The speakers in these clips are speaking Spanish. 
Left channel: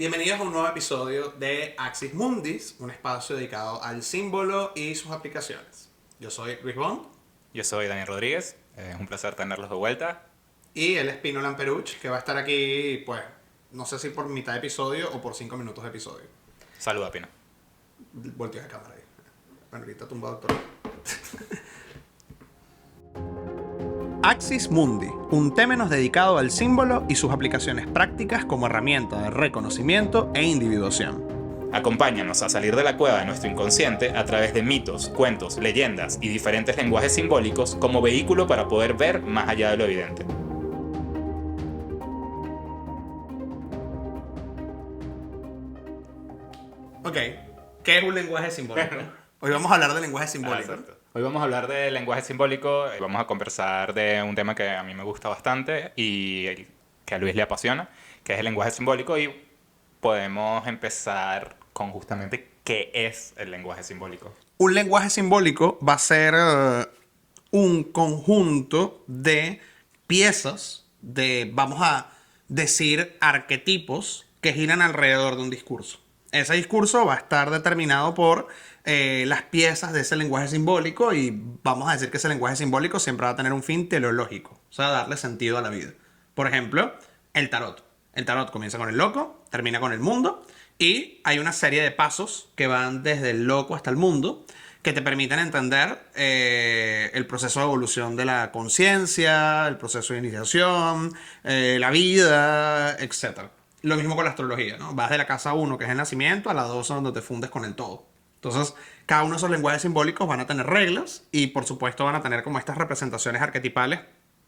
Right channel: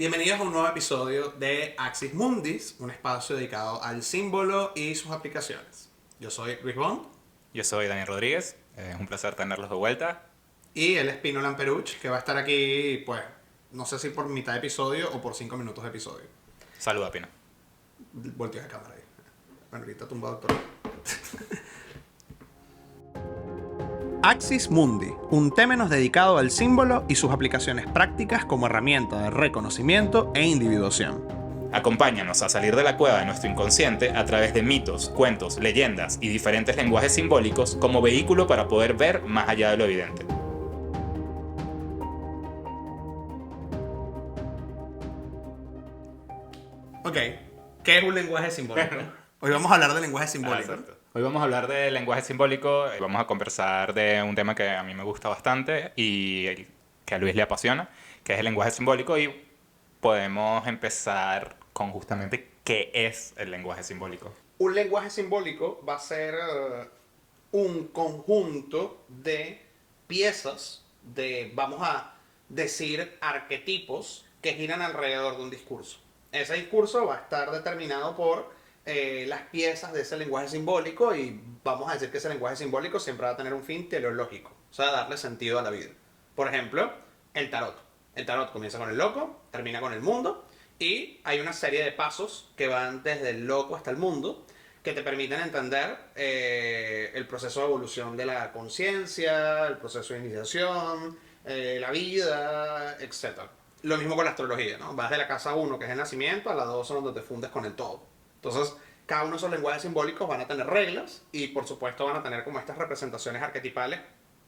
Bienvenidos a un nuevo episodio de Axis Mundis, un espacio dedicado al símbolo y sus aplicaciones. Yo soy Luis Bond Yo soy Daniel Rodríguez, es un placer tenerlos de vuelta. y él es Pino Lamperuch, que va a estar aquí, pues, no sé si por mitad de episodio o por 5 minutos de episodio. Saluda, Pino. Volteo de cámara ahí. Bueno, ahorita tumba doctor. Axis Mundi, un temenos dedicado al símbolo y sus aplicaciones prácticas como herramienta de reconocimiento e individuación. Acompáñanos a salir de la cueva de nuestro inconsciente a través de mitos, cuentos, leyendas y diferentes lenguajes simbólicos como vehículo para poder ver más allá de lo evidente. Ok, ¿qué es un lenguaje simbólico? Hoy vamos a hablar de lenguaje simbólico. Exacto. Hoy vamos a hablar de lenguaje simbólico, vamos a conversar de un tema que a mí me gusta bastante y que a Luis le apasiona, que es el lenguaje simbólico, y podemos empezar con justamente qué es el lenguaje simbólico. Un lenguaje simbólico va a ser un conjunto de piezas, vamos a decir, arquetipos que giran alrededor de un discurso. Ese discurso va a estar determinado por las piezas de ese lenguaje simbólico y vamos a decir que ese lenguaje simbólico siempre va a tener un fin teleológico, o sea, darle sentido a la vida. Por ejemplo, el tarot. El tarot comienza con el loco, termina con el mundo y hay una serie de pasos que van desde el loco hasta el mundo que te permiten entender el proceso de evolución de la conciencia, el proceso de iniciación, la vida, etc. Lo mismo con la astrología, ¿no? Vas de la casa 1, que es el nacimiento, a la 2, donde te fundes con el todo. Entonces, cada uno de esos lenguajes simbólicos van a tener reglas y, por supuesto, van a tener como estas representaciones arquetipales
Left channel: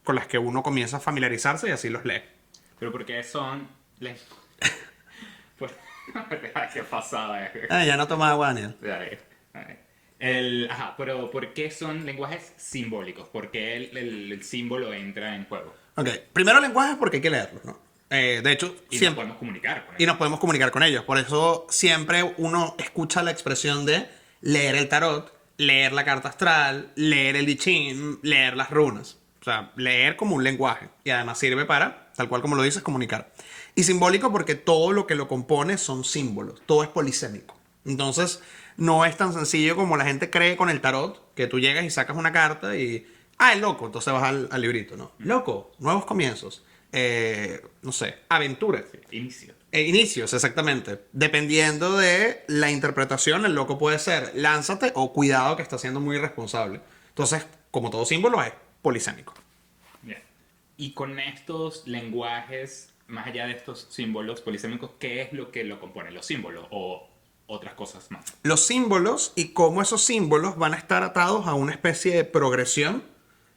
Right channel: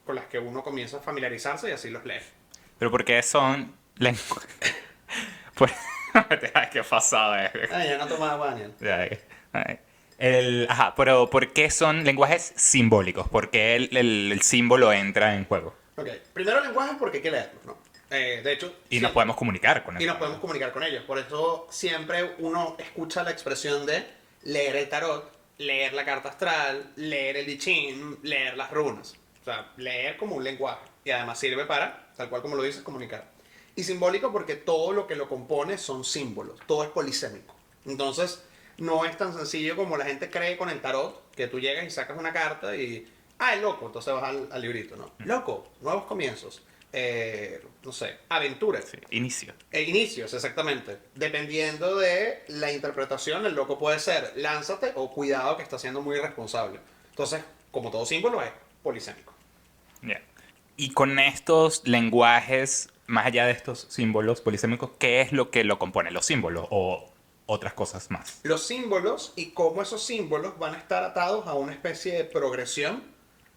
con las que uno comienza a familiarizarse y así los lee. Pero ¿por qué son lenguajes? ¿Qué pasada es? Ya no tomas agua, Daniel. Pero ¿por qué son lenguajes simbólicos? ¿Por qué el símbolo entra en juego? Ok, primero lenguajes porque hay que leerlos, ¿no? De hecho, Y nos podemos comunicar con y eso. nos podemos comunicar con ellos. Por eso siempre uno escucha la expresión de leer el tarot, leer la carta astral, leer el I Ching, leer las runas. O sea, leer como un lenguaje. Y además sirve para, tal cual como lo dices, comunicar. Y simbólico porque todo lo que lo compone son símbolos. Todo es polisémico. Entonces, no es tan sencillo como la gente cree con el tarot, que tú llegas y sacas una carta y... Ah, es loco. Entonces vas al librito, ¿no? Loco, nuevos comienzos. No sé, aventuras. Sí, inicio. Inicios, exactamente. Dependiendo de la interpretación, el loco puede ser lánzate o cuidado que está siendo muy irresponsable. Entonces, como todo símbolo, es polisémico. Bien. Y con estos lenguajes, más allá de estos símbolos polisémicos, ¿qué es lo que lo compone? ¿Los símbolos o otras cosas más? Los símbolos y cómo esos símbolos van a estar atados a una especie de progresión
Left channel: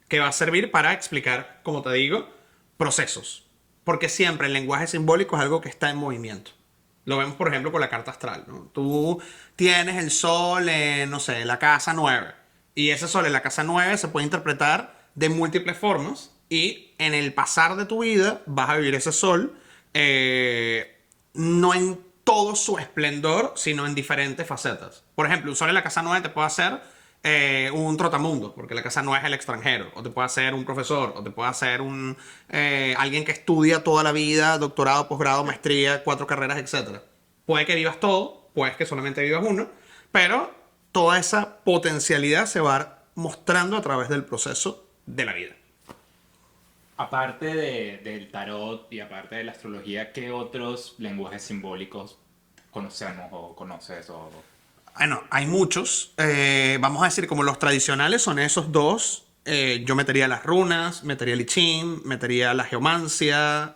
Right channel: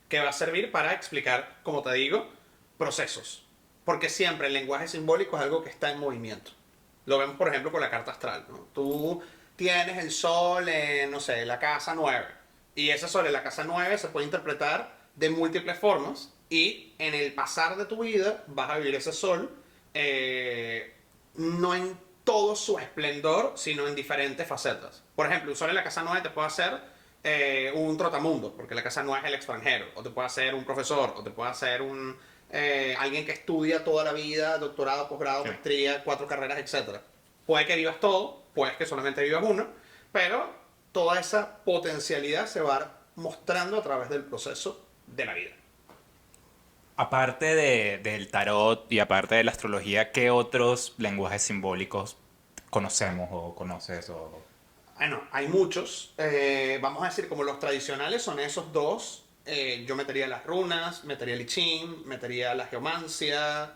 que va a servir para explicar, como te digo, procesos. Porque siempre el lenguaje simbólico es algo que está en movimiento. Lo vemos, por ejemplo, con la carta astral, ¿no? Tú tienes el sol en, no sé, la casa 9. Y ese sol en la casa 9 se puede interpretar de múltiples formas. Y en el pasar de tu vida vas a vivir ese sol no en todo su esplendor, sino en diferentes facetas. Por ejemplo, un sol en la casa 9 te puede hacer un trotamundo, porque la casa no es el extranjero, o te puede hacer un profesor, o te puede hacer alguien que estudia toda la vida, doctorado, posgrado, maestría, 4 carreras, etc. Puede que vivas todo, puede que solamente vivas uno, pero toda esa potencialidad se va mostrando a través del proceso de la vida. Aparte del tarot y aparte de la astrología, ¿qué otros lenguajes simbólicos conocemos o conoces? Bueno, hay muchos. Vamos a decir, como los tradicionales son esos dos. Yo metería las runas, metería el I Ching, metería la geomancia,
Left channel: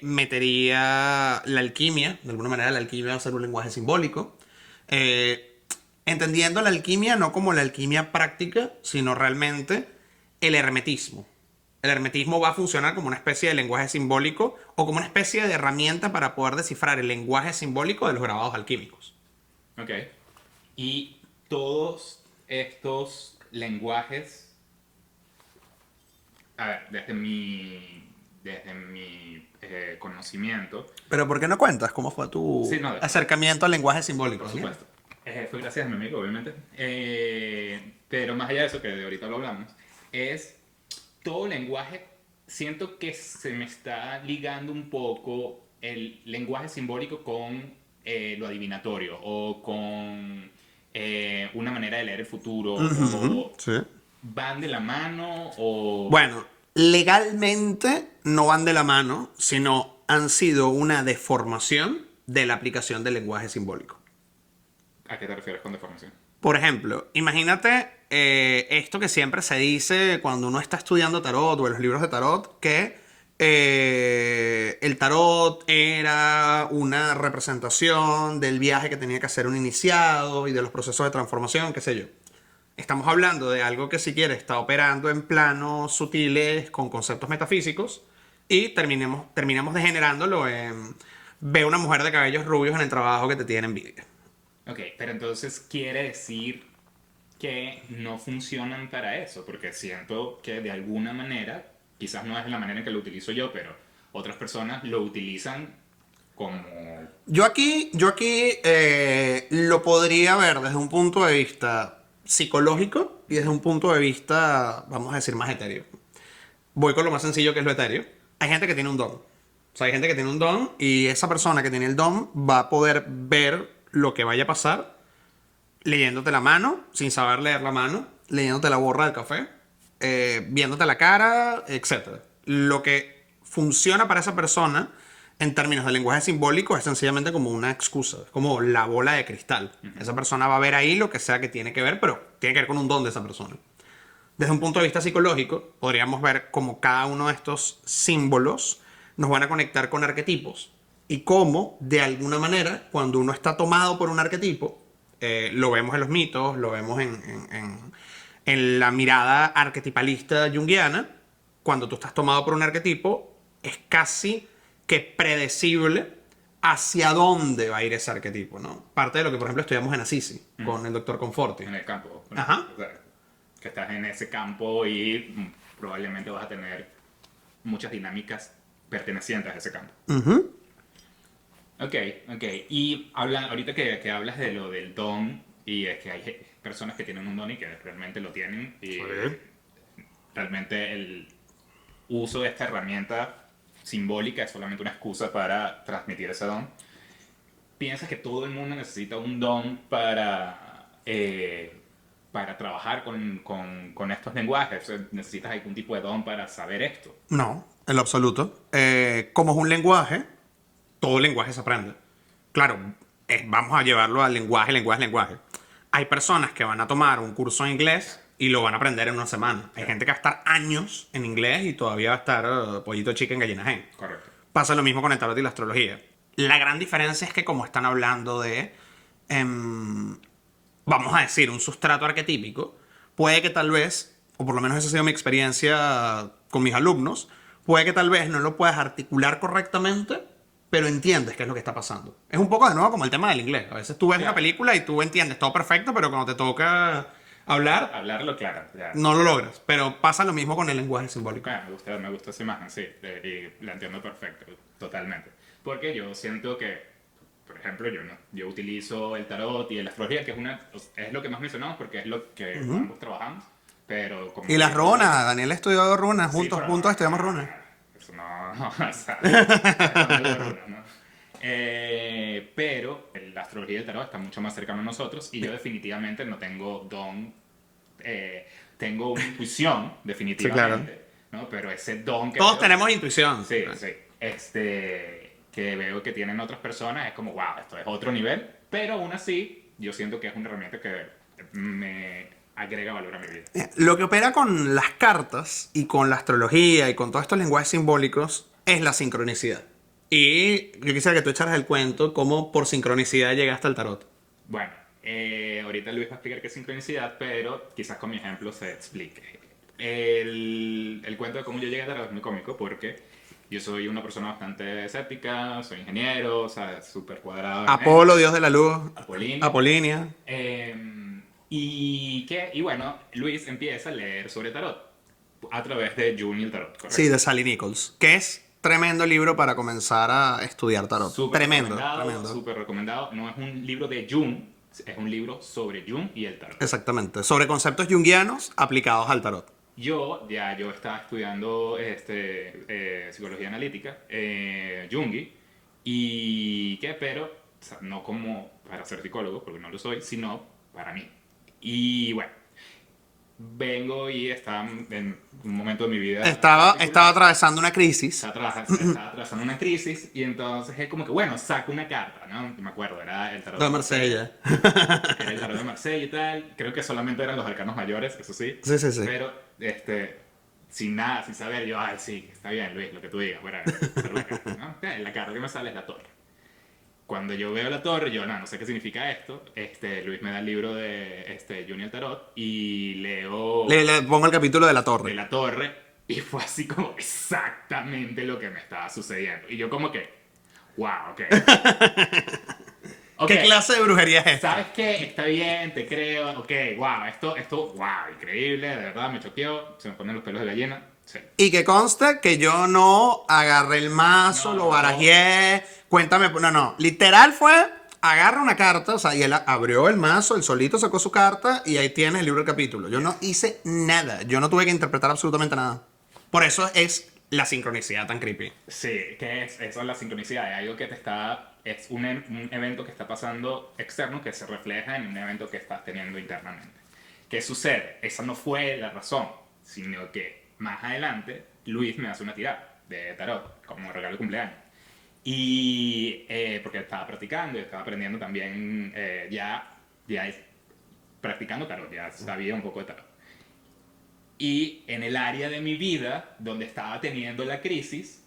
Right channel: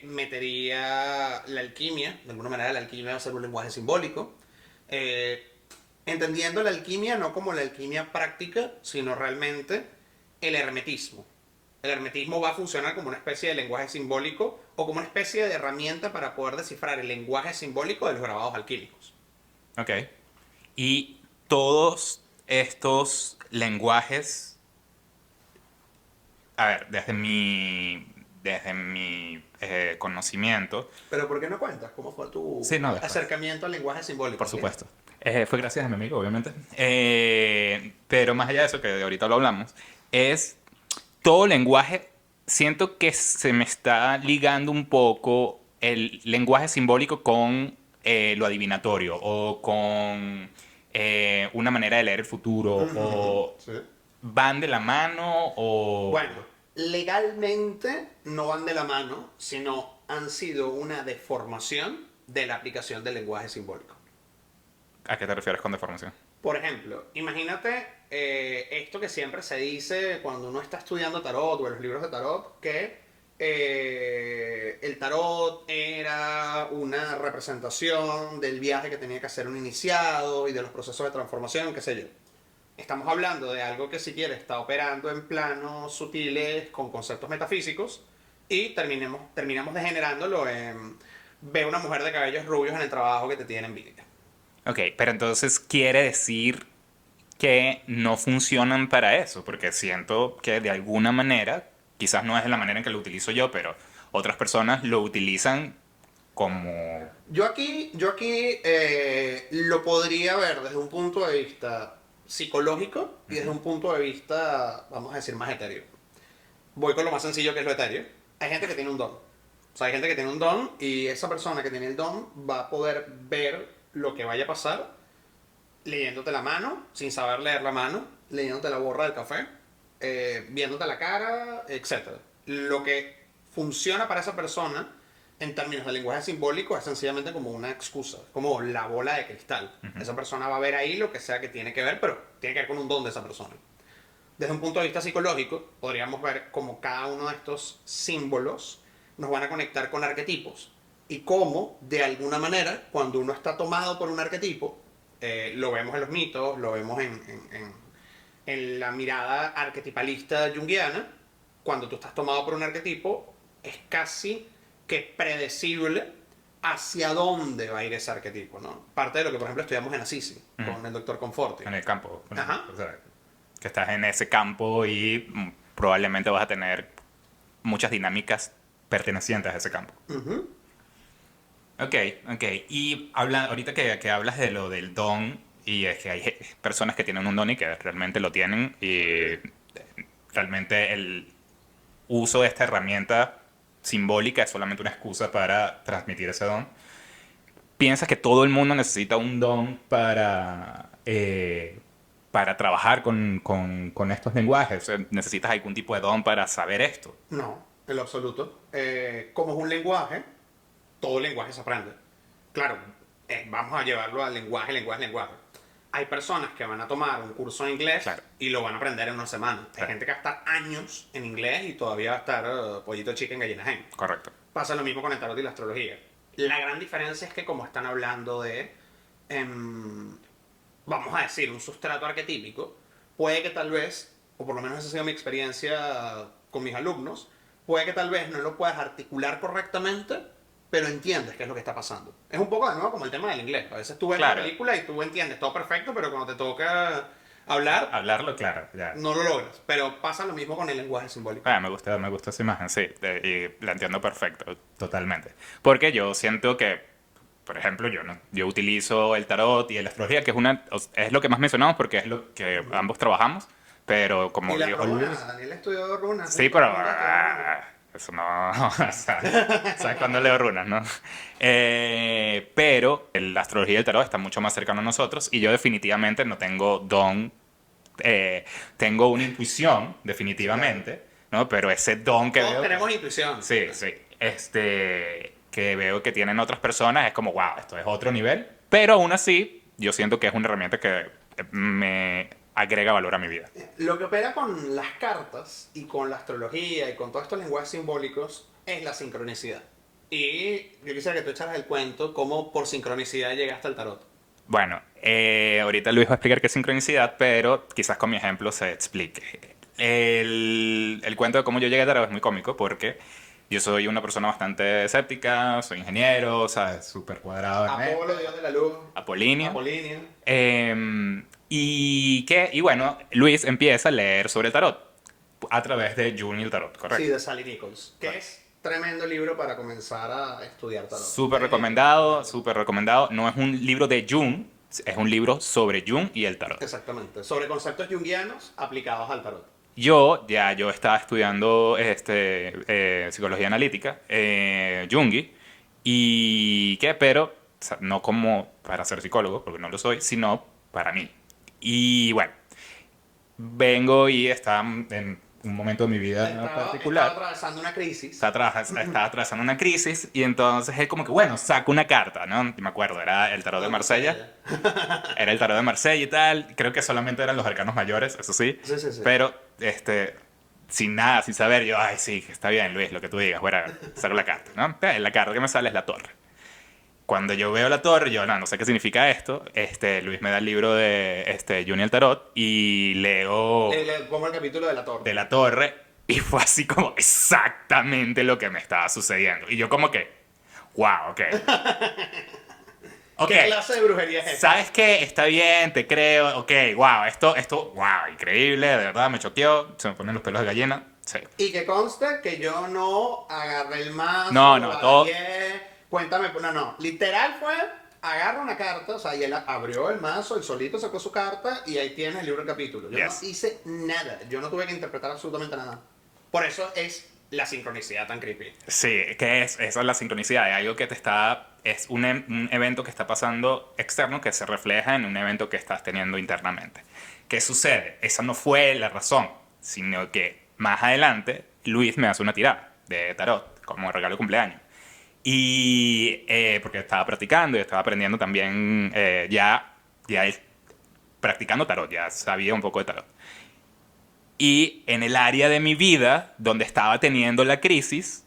metería la alquimia. De alguna manera la alquimia va a ser un lenguaje simbólico. Entendiendo la alquimia no como la alquimia práctica, sino realmente el hermetismo. El hermetismo va a funcionar como una especie de lenguaje simbólico o como una especie de herramienta para poder descifrar el lenguaje simbólico de los grabados alquímicos. Ok. Y todos estos lenguajes, a ver, desde mi conocimiento, Pero ¿por qué no cuentas cómo fue tu sí, no, después, acercamiento al lenguaje simbólico? por ¿Sí? supuesto. Fue gracias a mi amigo, obviamente. Pero más allá de eso, que ahorita lo hablamos, es todo lenguaje, siento que se me está ligando un poco el lenguaje simbólico con lo adivinatorio o con una manera de leer el futuro Ujú, o sí. van de la mano o... Bueno, legalmente no van de la mano, sino han sido una deformación de la aplicación del lenguaje simbólico. ¿A qué te refieres con deformación? Por ejemplo, imagínate esto que siempre se dice cuando uno está estudiando tarot o en los libros de tarot, que el tarot era una representación del viaje que tenía que hacer un iniciado y de los procesos de transformación, qué sé yo. Estamos hablando de algo que si quieres está operando en planos sutiles con conceptos metafísicos y terminamos degenerándolo en ve una mujer de cabellos rubios en el trabajo que te tiene envidia. Ok, pero entonces quiere decir que no funcionan para eso, porque siento que de alguna manera, quizás no es de la manera en que lo utilizo yo, pero otras personas lo utilizan como... Yo aquí lo podría ver desde un punto de vista psicológico y desde un punto de vista, vamos a decir, más etéreo. Voy con lo más sencillo que es lo etéreo. Hay gente que tiene un don. O sea, hay gente que tiene un don y esa persona que tiene el don va a poder ver lo que vaya a pasar leyéndote la mano, sin saber leer la mano, leyéndote la borra del café, viéndote la cara, etcétera. Lo que funciona para esa persona en términos de lenguaje simbólico es sencillamente como una excusa, como la bola de cristal. Esa persona va a ver ahí lo que sea que tiene que ver, pero tiene que ver con un don de esa persona. Desde un punto de vista psicológico, podríamos ver cómo cada uno de estos símbolos nos van a conectar con arquetipos y cómo, de alguna manera, cuando uno está tomado por un arquetipo, lo vemos en los mitos, lo vemos en la mirada arquetipalista junguiana, cuando tú estás tomado por un arquetipo, es casi que predecible hacia dónde va a ir ese arquetipo, ¿no? Parte de lo que, por ejemplo, estudiamos en Assisi, con el doctor Conforti. en el campo. Ajá. O sea, que estás en ese campo y probablemente vas a tener muchas dinámicas pertenecientes a ese campo. Ujú. Ok, ok. Y ahorita que hablas de lo del don, y es que hay personas que tienen un don y que realmente lo tienen, y realmente el uso de esta herramienta simbólica es solamente una excusa para transmitir ese don. ¿Piensas que todo el mundo necesita un don para trabajar con estos lenguajes? ¿Necesitas algún tipo de don para saber esto? No, en lo absoluto. Como es un lenguaje, todo lenguaje se aprende. Claro, vamos a llevarlo al lenguaje, lenguaje, lenguaje. Hay personas que van a tomar un curso de inglés Claro. y lo van a aprender en una semana. Hay Claro. gente que va a estar años en inglés y todavía va a estar pollito chicken, gallina hen. Correcto. Pasa lo mismo con el tarot y la astrología. La gran diferencia es que como están hablando de, vamos a decir, un sustrato arquetípico, puede que tal vez, o por lo menos esa ha sido mi experiencia con mis alumnos, puede que tal vez no lo puedas articular correctamente, pero entiendes qué es lo que está pasando. Es un poco de nuevo como el tema del inglés. A veces tú ves una Claro. película y tú entiendes todo perfecto, pero cuando te toca hablar, Hablarlo, claro. Ya. no lo logras. Pero pasa lo mismo con el lenguaje simbólico. Ah, me gusta esa imagen, sí. Y la entiendo perfecto, totalmente. Porque yo siento que, por ejemplo, yo no. Yo utilizo el tarot y la astrología, que es lo que más mencionamos porque es lo que ambos trabajamos. Pero como Y las viejo runas, Daniel ha estudiado runas, sí, juntos, pero juntos estudiamos runas. eso no, o sea, ¿sabes cuándo leo runas, no? Pero la astrología y el tarot están mucho más cercanos a nosotros y yo definitivamente no tengo don, tengo una intuición, definitivamente, ¿no? Pero ese don que Todos veo, tenemos intuición. sí, sí, que veo que tienen otras personas es como, wow, esto es otro nivel, pero aún así yo siento que es una herramienta que me agrega valor a mi vida. Lo que opera con las cartas y con la astrología y con todos estos lenguajes simbólicos es la sincronicidad. Y yo quisiera que tú echaras el cuento cómo por sincronicidad llegaste al tarot. Bueno, ahorita Luis va a explicar qué es sincronicidad, pero quizás con mi ejemplo se explique. El cuento de cómo yo llegué a Tarot es muy cómico porque yo soy una persona bastante escéptica, soy ingeniero, ¿sabes? Súper cuadrado. Apolo, dios de la luz. Apolíneo. Apolínea. Y bueno, Luis empieza a leer sobre el tarot a través de Jung y el tarot, ¿correcto? Sí, de Sally Nichols. Que es tremendo libro para comenzar a estudiar tarot. Súper Tremendo, recomendado, tremendo. súper recomendado. No es un libro de Jung, es un libro sobre Jung y el tarot. Exactamente. Sobre conceptos junguianos aplicados al tarot. Yo estaba estudiando psicología analítica, Jungi, Y qué, pero o sea, no como para ser psicólogo, porque no lo soy, sino para mí. Y bueno, vengo y estaba en un momento de mi vida Estaba particular. atravesando una crisis. Estaba atravesando una crisis y entonces es como que, bueno, saco una carta, ¿no? Me acuerdo, era el tarot de De Marsella. Marsella. Era el tarot de Marsella y tal. Creo que solamente eran los arcanos mayores, eso sí. Sí, sí, sí. Pero, sin nada, sin saber, yo, ay, sí, está bien, Luis, lo que tú digas, bueno, saco la carta, ¿no? La carta que me sale es la torre. Cuando yo veo la torre, yo no sé qué significa esto. Luis me da el libro de Junior Tarot y leo Le pongo el capítulo de la de torre. la torre y fue así como exactamente lo que me estaba sucediendo. Y yo como que, wow, ok. Ok, ¿Qué clase de brujería es esta? ¿sabes qué? Está bien, te creo. Ok, wow, wow, increíble, de verdad, me choqueó. Se me ponen los pelos de gallina. Sí. Y que consta que yo no agarré el mazo, No, lo no, barajé. Cuéntame, no. Literal fue, agarra una carta, o sea, y él abrió el mazo, él solito sacó su carta y ahí tienes el libro del capítulo. Yo no Yes. hice nada, yo no tuve que interpretar absolutamente nada. Por eso es la sincronicidad tan creepy. Sí, que es, eso es la sincronicidad, es algo que te está, es un evento que está pasando externo que se refleja en un evento que estás teniendo internamente. ¿Qué sucede? Esa no fue la razón, sino que más adelante Luis me hace una tirada de tarot como regalo de cumpleaños. Y porque estaba practicando y estaba aprendiendo también practicando tarot, ya sabía un poco de tarot. Y en el área de mi vida donde estaba teniendo la crisis,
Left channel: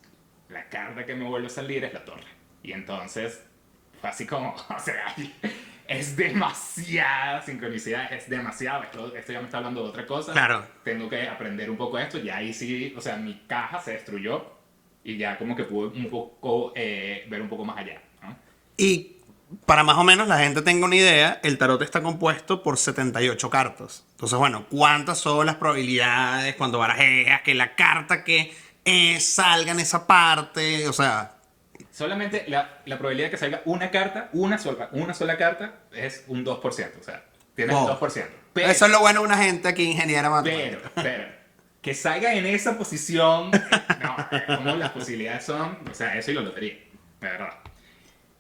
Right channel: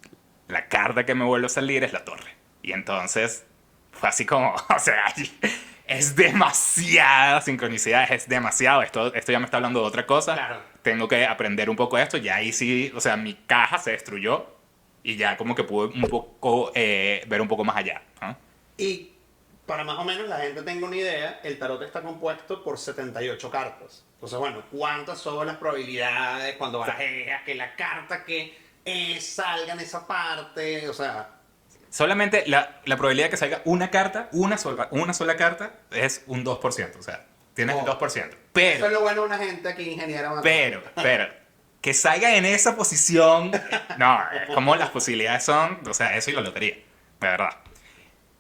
la carta que me vuelve a salir es la torre. Y entonces fue así como, o sea, es demasiada sincronicidad, es demasiado. Esto ya me está hablando de otra cosa. Claro. Tengo que aprender un poco de esto. Ya ahí sí, o sea, mi caja se destruyó y ya como que pude un poco ver un poco más allá, ¿no? Y para más o menos la gente tenga una idea, el tarot está compuesto por 78 cartas. Entonces, bueno, ¿cuántas son las probabilidades cuando barajeas que la carta que salga en esa parte? O sea, Solamente la probabilidad de que salga una carta, una sola carta, es un 2%. O sea, tienes el wow. 2%. Eso es lo bueno de una gente aquí, ingeniera matemática. Pero, que salga en esa posición, no, como las posibilidades son, o sea, eso y la lotería, de verdad.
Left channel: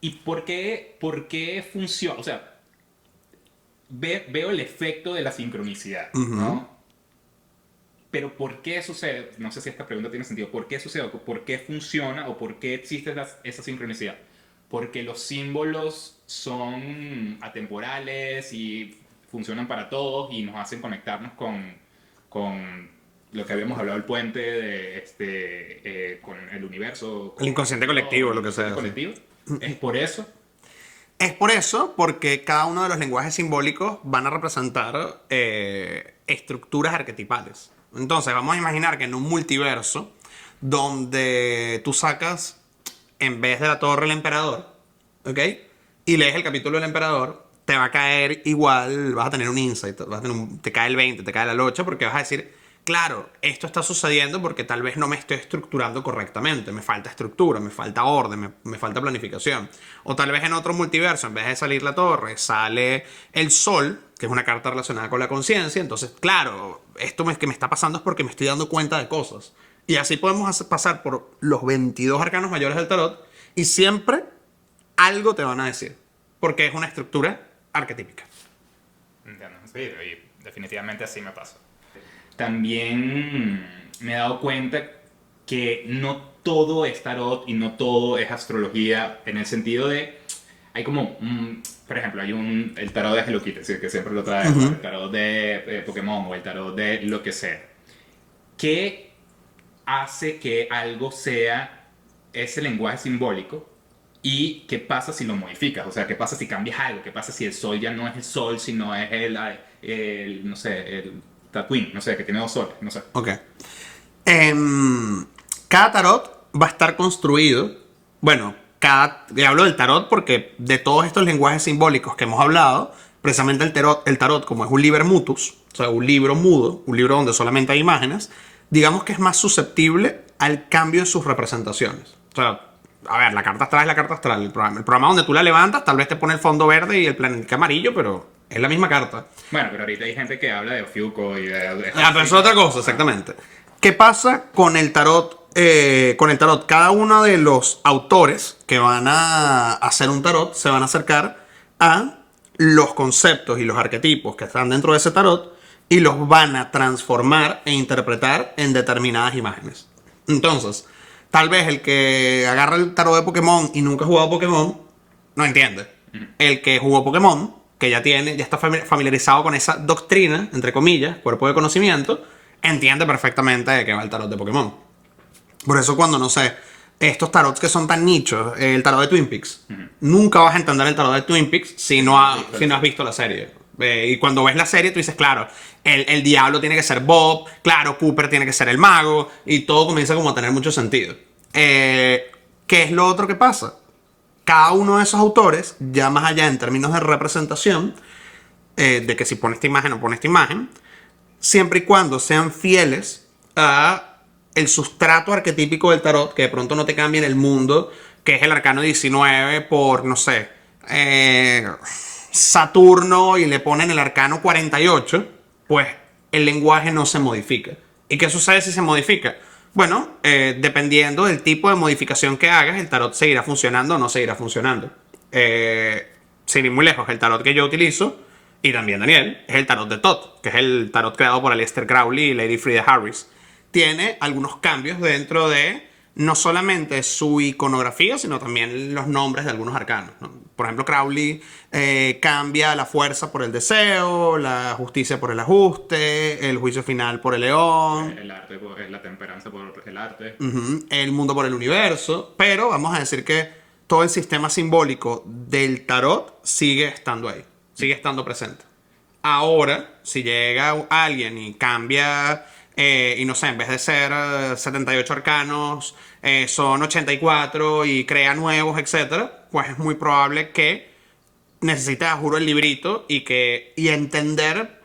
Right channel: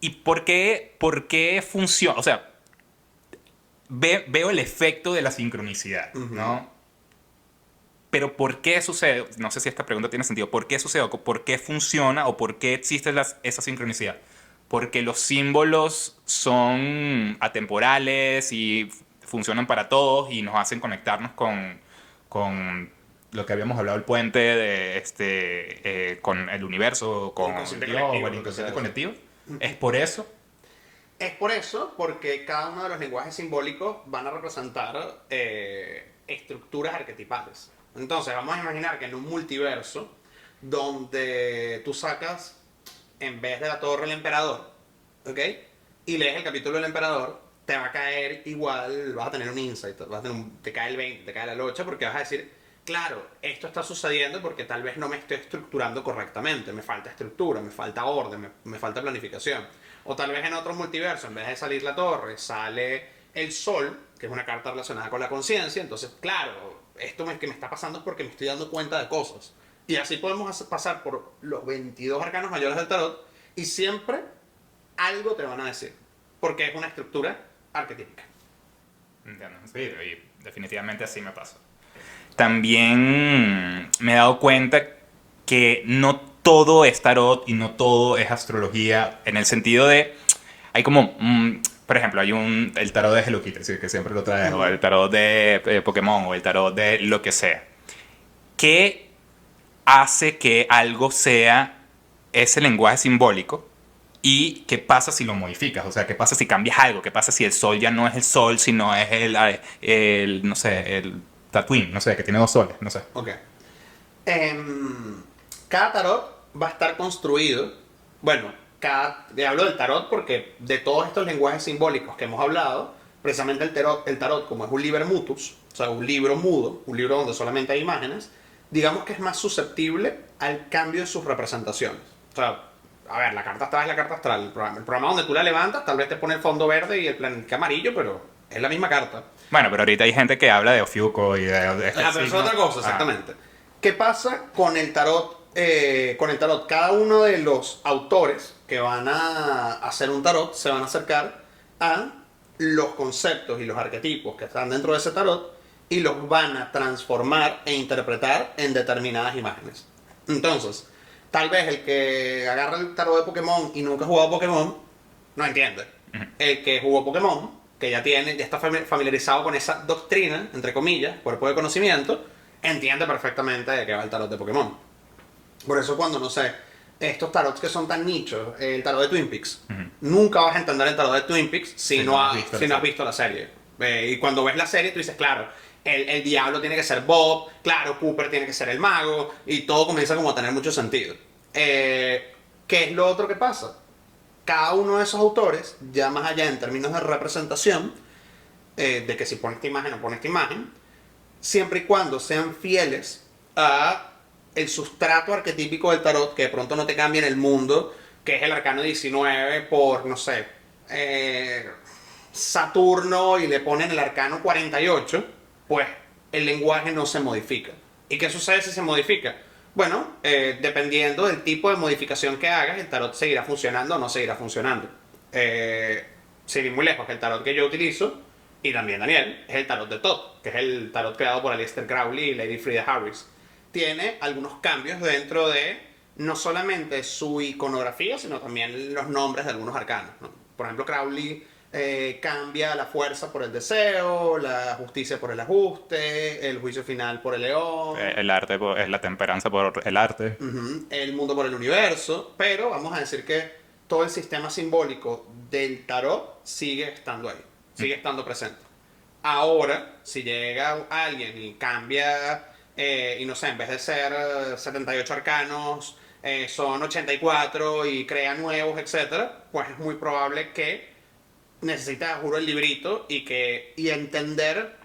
¿Y por qué funciona? O sea, veo el efecto de la sincronicidad, ¿no? Pero ¿por qué sucede? No sé si esta pregunta tiene sentido. ¿Por qué sucede? ¿Por qué funciona? ¿O por qué existe esa sincronicidad? Porque los símbolos son atemporales y funcionan para todos y nos hacen conectarnos con lo que habíamos hablado, el puente de con el universo, con El inconsciente Dios, colectivo, el lo que sea. inconsciente colectivo. Es por eso. Es por eso, porque cada uno de los lenguajes simbólicos van a representar estructuras arquetipales. Entonces, vamos a imaginar que en un multiverso, donde tú sacas, en vez de la torre, el emperador, ¿ok? Y lees el capítulo del emperador, te va a caer igual, vas a tener un insight, te cae el 20, te cae la locha, porque vas a decir, claro, esto está sucediendo porque tal vez no me estoy estructurando correctamente, me falta estructura, me falta orden, me falta planificación. O tal vez en otro multiverso, en vez de salir la torre, sale el sol, que es una carta relacionada con la conciencia. Entonces, claro, que me está pasando es porque me estoy dando cuenta de cosas. Y así podemos pasar por los 22 arcanos mayores del tarot y siempre algo te van a decir. Porque es una estructura arquetípica. Entiendo, sí, y definitivamente así me pasa. También me he dado cuenta que no todo es tarot y no todo es astrología en el sentido de hay como por ejemplo hay el tarot de Hello Kitty, sí, que siempre lo traigo, o el tarot de Pokémon o el tarot de lo que sea. ¿Qué hace que algo sea ese lenguaje simbólico? ¿Y qué pasa si lo modificas? O sea, ¿qué pasa si cambias algo? ¿Qué pasa si el sol ya no es el sol, sino es no sé, el Tatooine, no sé, que tiene dos soles, no sé. Ok. Cada tarot va a estar construido. Bueno, hablo del tarot porque de todos estos lenguajes simbólicos que hemos hablado, precisamente el tarot, como es un liber mutus, o sea, un libro mudo, un libro donde solamente hay imágenes, digamos que es más susceptible al cambio en sus representaciones. O sea, a ver, la carta astral es la carta astral. El programa donde tú la levantas, tal vez te pone el fondo verde y el planeta amarillo, pero es la misma carta. Bueno, pero ahorita hay gente que habla de Ofiuco y de Pero es otra cosa, exactamente. ¿Qué pasa con el tarot con el tarot, cada uno de los autores que van a hacer un tarot se van a acercar a los conceptos y los arquetipos que están dentro de ese tarot y los van a transformar e interpretar en determinadas imágenes. Entonces, tal vez el que agarra el tarot de Pokémon y nunca ha jugado Pokémon, no entiende. El que jugó Pokémon, que ya está familiarizado con esa doctrina, entre comillas, cuerpo de conocimiento, entiende perfectamente de qué va el tarot de Pokémon. Por eso cuando, no sé, estos tarots que son tan nichos, el tarot de Twin Peaks, nunca vas a entender el tarot de Twin Peaks si no has visto la serie. Y cuando ves la serie tú dices, claro, el diablo tiene que ser Bob, claro, Cooper tiene que ser el mago, y todo comienza como a tener mucho sentido. ¿Qué es lo otro que pasa? Cada uno de esos autores, ya más allá en términos de representación, de que si pone esta imagen o pone esta imagen, siempre y cuando sean fieles a el sustrato arquetípico del tarot, que de pronto no te cambie en el mundo, que es el arcano 19 por, no sé, Saturno, y le ponen el arcano 48, pues el lenguaje no se modifica. ¿Y qué sucede si se modifica? Bueno, dependiendo del tipo de modificación que hagas, el tarot seguirá funcionando o no seguirá funcionando. Sin ir muy lejos, el tarot que yo utilizo, y también Daniel, es el tarot de Thoth, que es el tarot creado por Aleister Crowley y Lady Frida Harris. Tiene algunos cambios dentro de no solamente su iconografía, sino también los nombres de algunos arcanos, ¿no? Por ejemplo, Crowley cambia la fuerza por el deseo, la justicia por el ajuste, el juicio final por el león, El arte es la temperanza por el arte. el mundo por el universo, pero vamos a decir que todo el sistema simbólico del tarot sigue estando ahí, sigue estando presente. Ahora, si llega alguien y cambia, y no sé, en vez de ser 78 arcanos, son 84 y crea nuevos, etcétera, pues es muy probable que necesite, juro, el librito y entender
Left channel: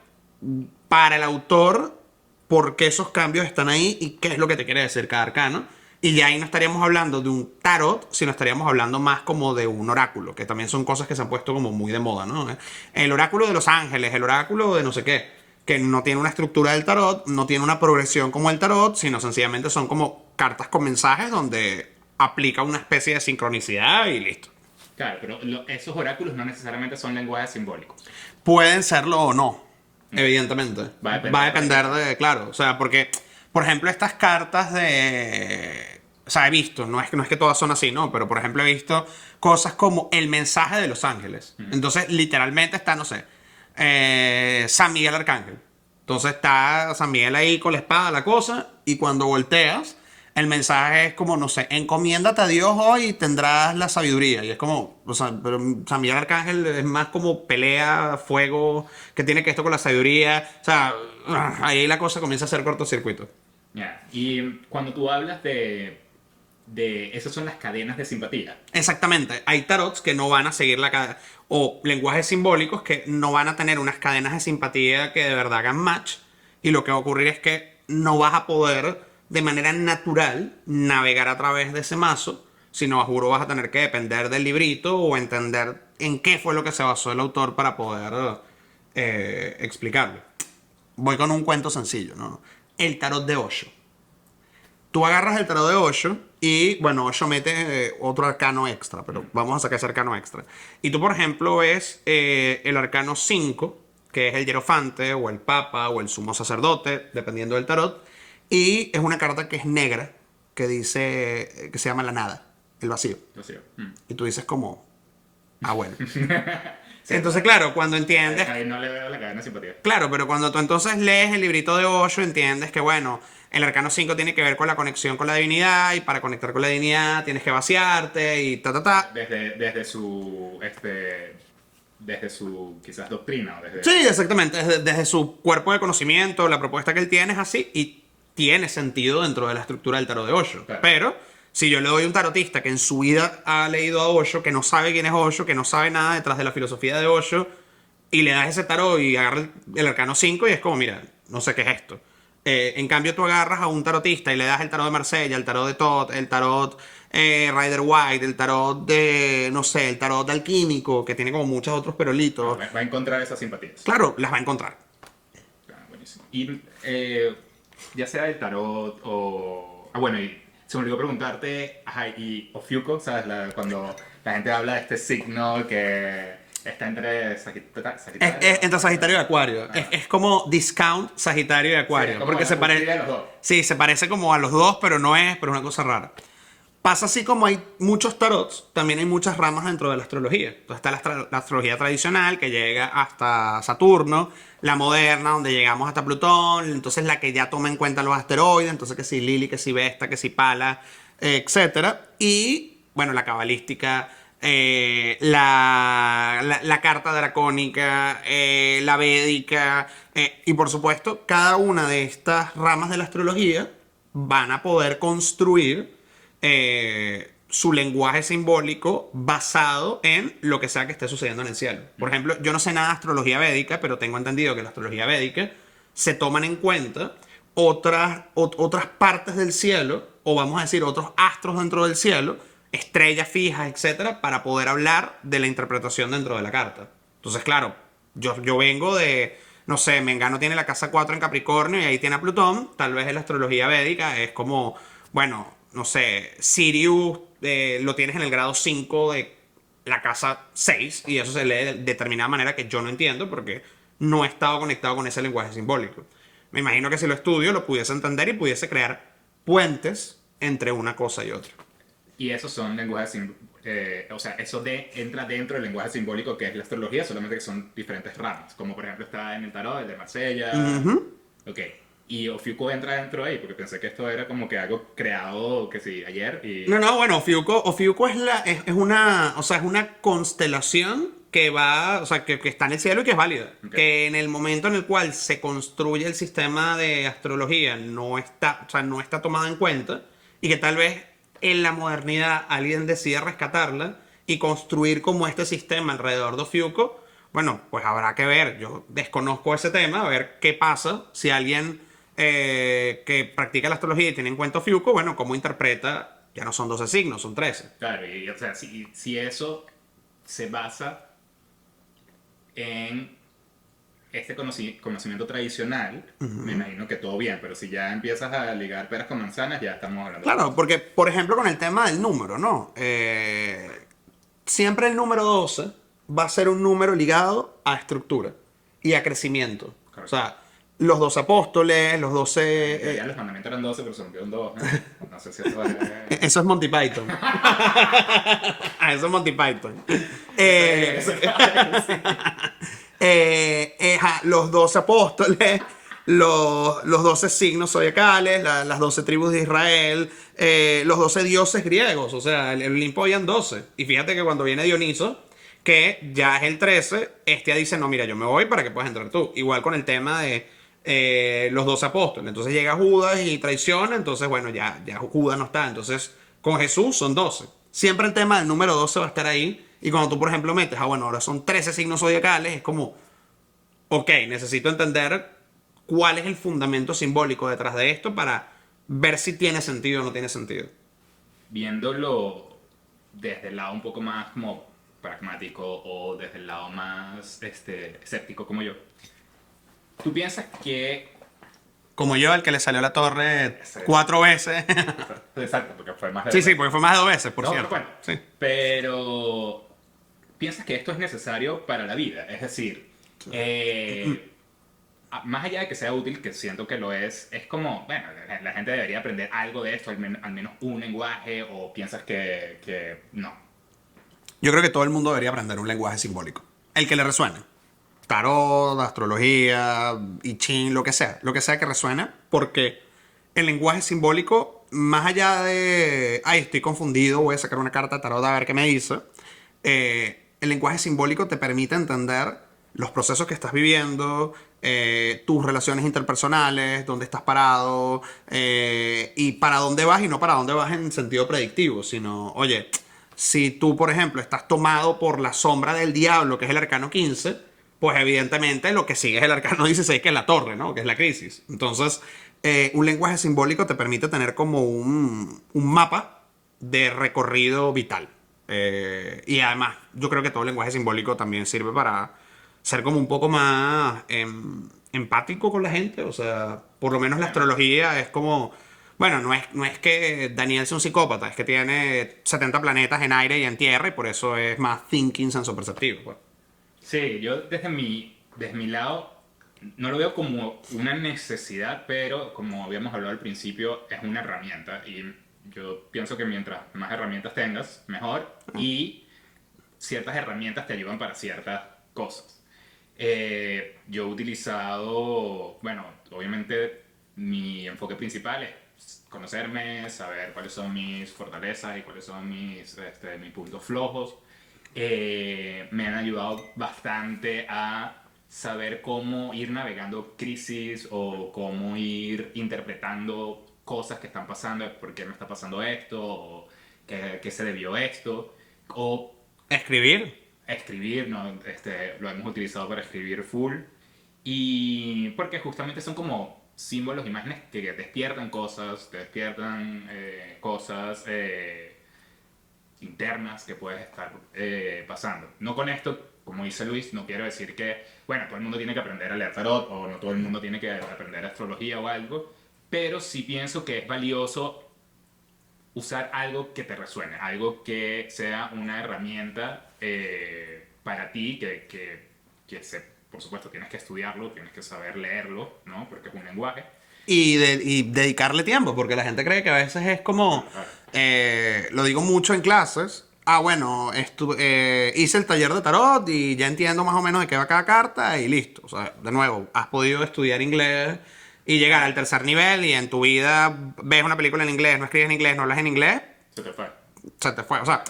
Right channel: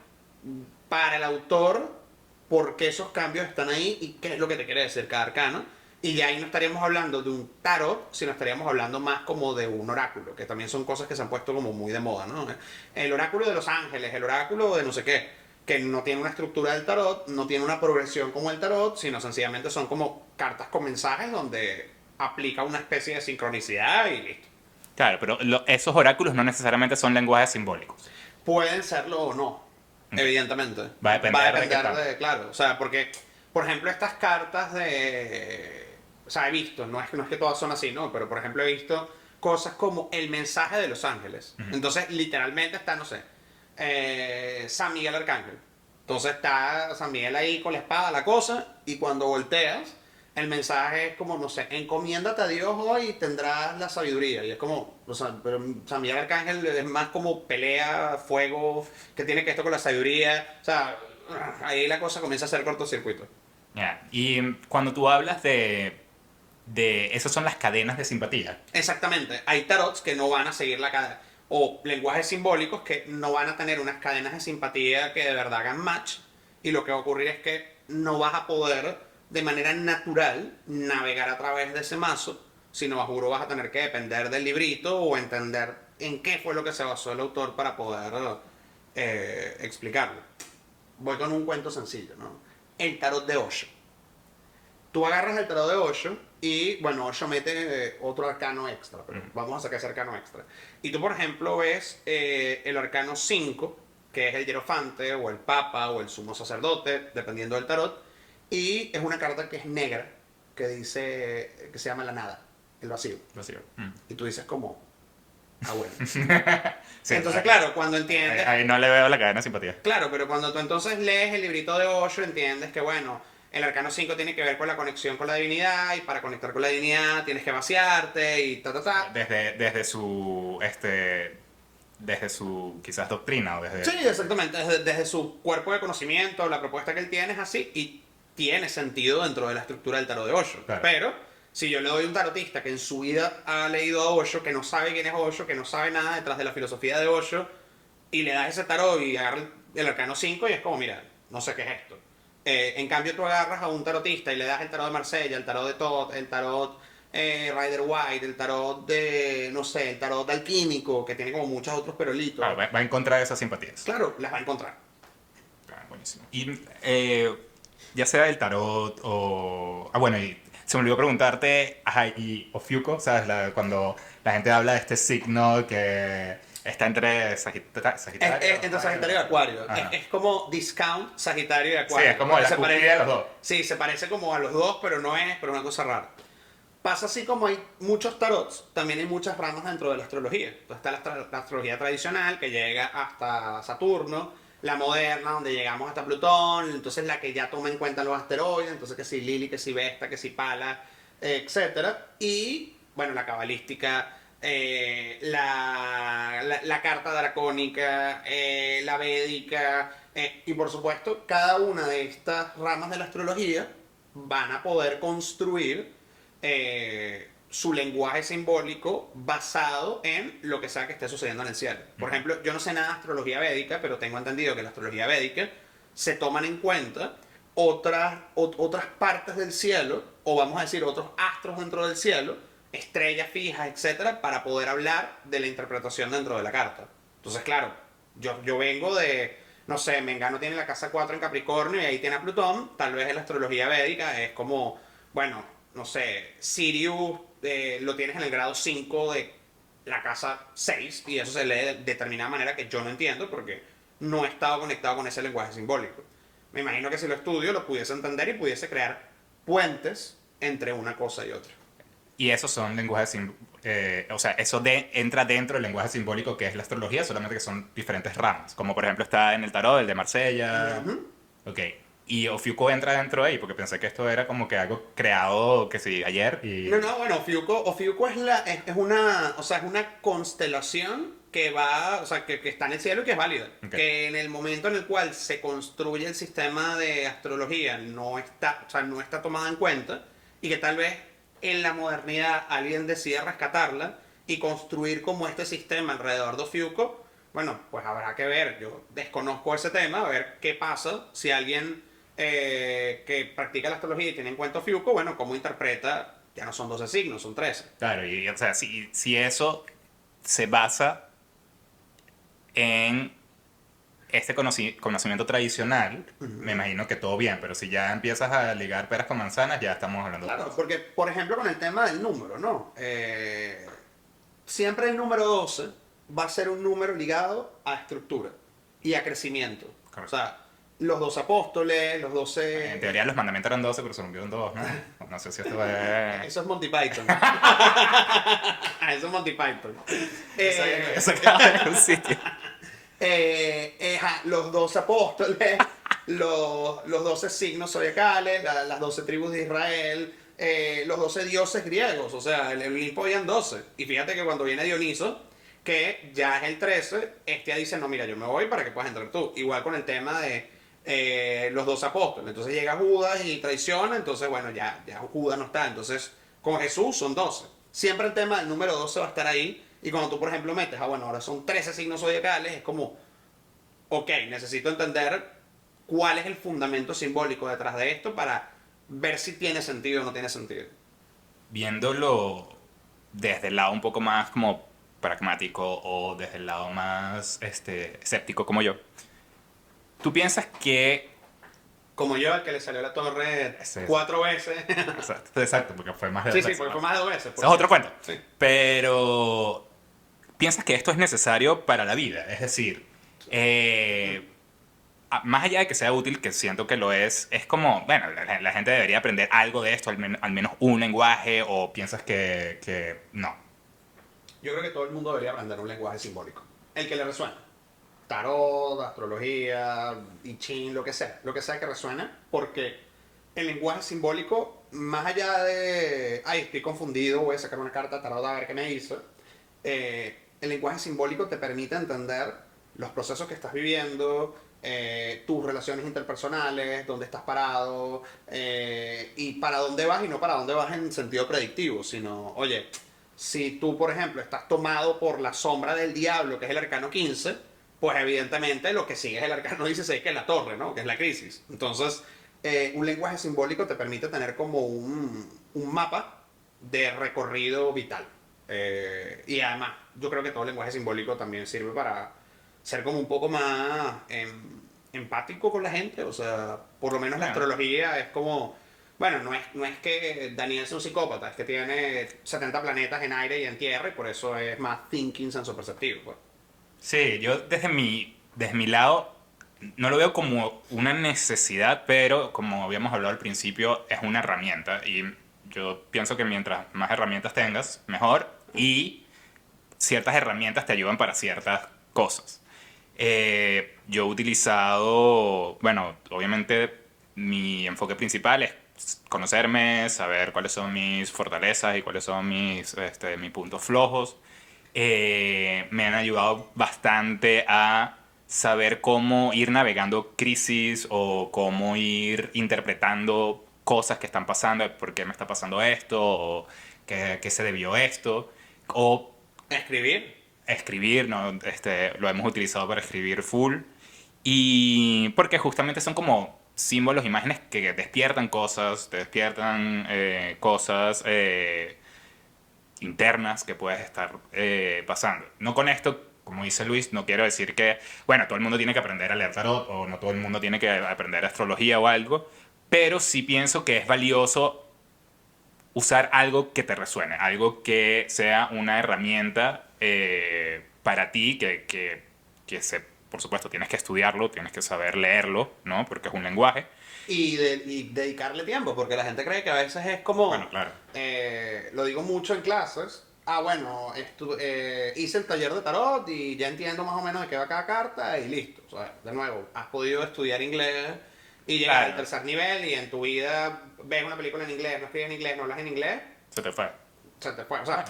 para el autor por qué esos cambios están ahí y qué es lo que te quiere decir cada arcano. Y ya ahí no estaríamos hablando de un tarot, sino estaríamos hablando más como de un oráculo, que también son cosas que se han puesto como muy de moda, ¿no? El oráculo de los ángeles, el oráculo de no sé qué, que no tiene una estructura del tarot, no tiene una progresión como el tarot, sino sencillamente son como cartas con mensajes donde aplica una especie de sincronicidad y listo. Claro, pero esos oráculos no necesariamente son lenguajes simbólicos. Pueden serlo o no, evidentemente. Va a depender de de, claro, o sea, porque, por ejemplo, estas cartas de... O sea, he visto, no es que todas son así, ¿no? Pero, por ejemplo, he visto cosas como el mensaje de los ángeles. Entonces, literalmente está, no sé, San Miguel Arcángel. Entonces está San Miguel ahí con la espada, la cosa, y cuando volteas, el mensaje es como, no sé, encomiéndate a Dios hoy y tendrás la sabiduría. Y es como, o sea, pero San Miguel Arcángel es más como pelea, fuego, que tiene que esto con la sabiduría. O sea, ahí la cosa comienza a hacer cortocircuito. Ya. Y cuando tú hablas de esas son las cadenas de simpatía. Exactamente. Hay tarots que no van a seguir la cadena, o lenguajes simbólicos que no van a tener unas cadenas de simpatía que de verdad hagan match. Y lo que va a ocurrir es que no vas a poder de manera natural navegar a través de ese mazo, sino a juro vas a tener que depender del librito o entender en qué fue lo que se basó el autor para poder explicarlo. Voy con un cuento sencillo, ¿no? El tarot de Osho. Tú agarras el tarot de Osho y, bueno, Osho mete otro arcano extra, pero vamos a sacar ese arcano extra. Y tú, por ejemplo, ves el arcano 5, que es el hierofante, o el papa, o el sumo sacerdote, dependiendo del tarot. Y es una carta que es negra, que dice, que se llama la nada, el vacío. Vacío. Y tú dices como, ah, bueno. Sí, Entonces, claro, cuando entiendes... ahí no le veo la cadena de simpatía. Claro, pero cuando tú entonces lees el librito de Osho, entiendes que, bueno, el arcano 5 tiene que ver con la conexión con la divinidad, y para conectar con la divinidad tienes que vaciarte y ta, ta, ta. Desde su quizás doctrina o desde... Sí, exactamente, desde su cuerpo de conocimiento, la propuesta que él tiene es así, y tiene sentido dentro de la estructura del tarot de Osho. Claro. Pero si yo le doy a un tarotista que en su vida ha leído a Osho, que no sabe quién es Osho, que no sabe nada detrás de la filosofía de Osho, y le das ese tarot y agarra el arcano 5 y es como, mira, no sé qué es esto. En cambio, tú agarras a un tarotista y le das el tarot de Marsella, el tarot de Thoth, el tarot Rider White, el tarot de, no sé, el tarot alquímico, que tiene como muchos otros perolitos. Va a encontrar esas simpatías. Claro, las va a encontrar. Buenísimo. Y ya sea el tarot o... Ah, bueno, y Se me olvidó preguntarte, ajá, y Ofiuco, ¿sabes? Cuando la gente habla de este signo que está entre Sagitario. Entre Sagitario y Acuario. Ajá. Es como discount Sagitario y Sí, es Acuario. como Porque la se cúspide de los dos. Sí, se parece como a los dos, pero no es, pero es una cosa rara. Pasa así como hay muchos tarots, también hay muchas ramas dentro de la astrología. Entonces está la astrología tradicional, que llega hasta Saturno, la moderna, donde llegamos hasta Plutón, entonces la que ya toma en cuenta los asteroides, entonces que si Lili, que si Vesta, que si Pala, etcétera. Y, bueno, la cabalística, la carta dracónica, la védica, y por supuesto, cada una de estas ramas de la astrología van a poder construir su lenguaje simbólico basado en lo que sea que esté sucediendo en el cielo. Por ejemplo, yo no sé nada de astrología védica, pero tengo entendido que en la astrología védica se toman en cuenta otras partes del cielo, o vamos a decir otros astros dentro del cielo, estrellas fijas, etcétera, para poder hablar de la interpretación dentro de la carta. Entonces, claro, yo vengo de, no sé, Mengano tiene la casa 4 en Capricornio y ahí tiene a Plutón. Tal vez en la astrología védica es como, bueno, no sé, Sirius lo tienes en el grado 5 de la casa 6 y eso se lee de determinada manera que yo no entiendo porque no he estado conectado con ese lenguaje simbólico. Me imagino que si lo estudio lo pudiese entender y pudiese crear puentes entre una cosa y otra. Y esos son lenguajes o sea, entra dentro del lenguaje simbólico que es la astrología, solamente que son diferentes ramas. Como por ejemplo está en el tarot, el de Marsella. Ok. Y Ofiuco entra dentro de ahí, porque pensé que esto era como que algo creado, que sí, ayer y... No, no, bueno, Ofiuco es una, o sea, es una constelación que va, o sea, que está en el cielo y que es válida. Ok. Que en el momento en el cual se construye el sistema de astrología no está, o sea, no está tomada en cuenta y que tal vez en la modernidad alguien decida rescatarla y construir como este sistema alrededor de Ofiuco. Bueno, pues habrá que ver. Yo desconozco ese tema, a ver qué pasa si alguien que practica la astrología y tiene en cuenta Ofiuco, bueno, cómo interpreta, ya no son 12 signos, son 13. Claro, y o sea, si eso se basa en este conocimiento tradicional, me imagino que todo bien, pero si ya empiezas a ligar peras con manzanas, ya estamos hablando de otra Claro, cosa. porque, por ejemplo, con el tema del número, ¿no? Siempre el número 12 va a ser un número ligado a estructura y a crecimiento. O Correcto. sea, los 12 apóstoles, los En 12... teoría los mandamientos eran 12, pero se rompieron 2, ¿no? No sé si esto es... Eso es Monty Python. Eso es Monty Python. Eso acaba de decir. Los 12 apóstoles, los 12 signos zodiacales, las 12 tribus de Israel, los 12 dioses griegos. O sea, el Olimpo habían 12. Y fíjate que cuando viene Dioniso, que ya es el 13, ya dice, no, mira, yo me voy para que puedas entrar tú. Igual con el tema de los 12 apóstoles. Entonces llega Judas y traiciona, entonces bueno, ya Judas no está. Entonces con Jesús son 12. Siempre el tema del número 12 va a estar ahí. Y cuando tú, por ejemplo, metes, bueno, ahora son 13 signos zodiacales, es como, ok, necesito entender cuál es el fundamento simbólico detrás de esto para ver si tiene sentido o no tiene sentido. Viéndolo desde el lado un poco más como pragmático o desde el lado más escéptico como yo, ¿tú piensas que... Como yo, el que le salió la torre Sí. 4 veces. Exacto, porque fue más de Sí, dos sí, veces. porque fue más de 2 veces. Por Eso es otro cierto. cuento. Sí. Pero, ¿piensas que esto es necesario para la vida? Es decir, más allá de que sea útil, que siento que lo es como, bueno, la gente debería aprender algo de esto, al menos un lenguaje, o piensas que no. Yo creo que todo el mundo debería aprender un lenguaje simbólico. El que le resuene. Tarot, astrología, I Ching, lo que sea. Lo que sea que resuene. Porque el lenguaje simbólico, más allá de, ay, estoy confundido, voy a sacar una carta de tarot a ver qué me dice. El lenguaje simbólico te permite entender los procesos que estás viviendo, tus relaciones interpersonales, dónde estás parado, y para dónde vas, y no para dónde vas en sentido predictivo, sino, oye, si tú, por ejemplo, estás tomado por la sombra del diablo, que es el arcano 15, pues evidentemente lo que sigue es el arcano 16, que es la torre, ¿no? Que es la crisis. Entonces, un lenguaje simbólico te permite tener como un mapa de recorrido vital. Y además, yo creo que todo el lenguaje simbólico también sirve para ser como un poco más empático con la gente. O sea, por lo menos la astrología es como, Bueno, no es que Daniel sea un psicópata, es que tiene 70 planetas en aire y en tierra y por eso es más thinking sensoperceptivo, pues. Sí, yo desde mi lado no lo veo como una necesidad, pero como habíamos hablado al principio, es una herramienta. Y yo pienso que mientras más herramientas tengas, mejor. Y ciertas herramientas te ayudan para ciertas cosas. Yo he utilizado, bueno, obviamente mi enfoque principal es conocerme, saber cuáles son mis fortalezas y cuáles son mis puntos flojos. Me han ayudado bastante a saber cómo ir navegando crisis o cómo ir interpretando cosas que están pasando, por qué me está pasando esto, o qué se debió esto, o Escribir. escribir, ¿no? Lo hemos utilizado para escribir full. Y porque justamente son como símbolos, imágenes que despiertan cosas, te despiertan cosas internas que puedes estar pasando. No con esto, como dice Luis, no quiero decir que, bueno, todo el mundo tiene que aprender a leer tarot o no todo el mundo tiene que aprender astrología o algo, pero sí pienso que es valioso usar algo que te resuene, algo que sea una herramienta para ti, por supuesto, tienes que estudiarlo, tienes que saber leerlo, ¿no? Porque es un lenguaje. Y dedicarle tiempo, porque la gente cree que a veces es como, Bueno, claro. lo digo mucho en clases, ah, bueno, hice el taller de tarot y ya entiendo más o menos de qué va cada carta y listo. O sea, de nuevo, has podido estudiar inglés y llegar al Claro, tercer nivel y en tu vida ves una película en inglés, no escribes en inglés, no hablas en inglés, se te fue. se te fue. O sea,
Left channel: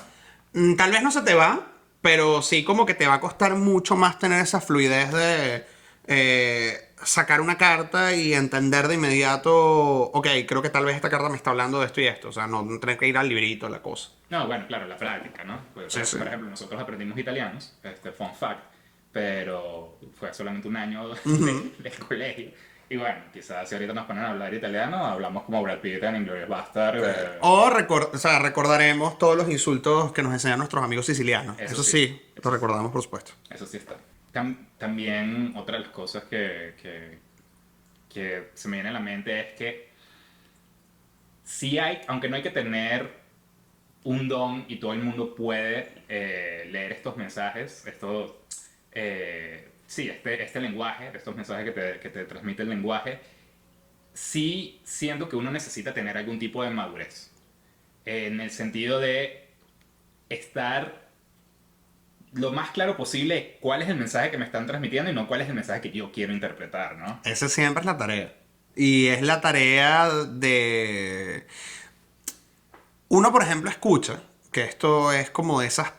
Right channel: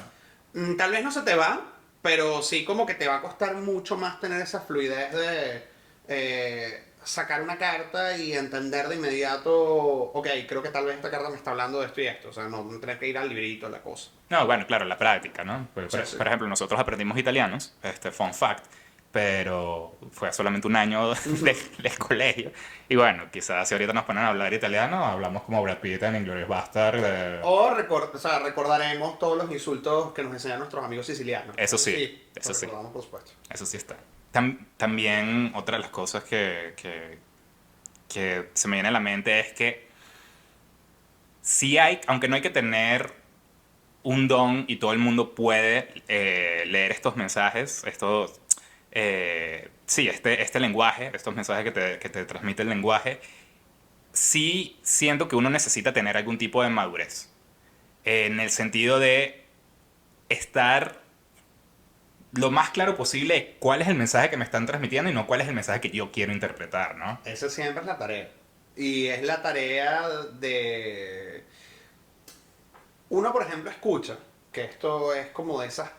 tal vez no se te va, pero sí como que te va a costar mucho más tener esa fluidez de sacar una carta y entender de inmediato, ok, creo que tal vez esta carta me está hablando de esto y esto. O sea, no tener que ir al librito, la cosa. No, bueno, claro, la práctica, ¿no? Sí, sí. Por ejemplo, nosotros aprendimos italianos, fun fact, pero fue solamente un año del colegio. Y bueno, quizás si ahorita nos ponen a hablar italiano, hablamos como Brad Pitt en Inglourious Bastard. O sea, recordaremos todos los insultos que nos enseñan nuestros amigos sicilianos. Eso Eso sí, sí, lo eso sí, recordamos, por supuesto. eso sí está. También otra de las cosas que se me viene a la mente es que sí hay, aunque no hay que tener un don y todo el mundo puede leer estos mensajes, sí, este lenguaje, estos mensajes que te transmite el lenguaje, sí siento que uno necesita tener algún tipo de madurez. En el sentido de estar lo más claro posible cuál es el mensaje que me están transmitiendo y no cuál es el mensaje que yo quiero interpretar, ¿no? Esa siempre es la tarea. Y es la tarea de... Uno, por ejemplo, escucha, que esto es como de esas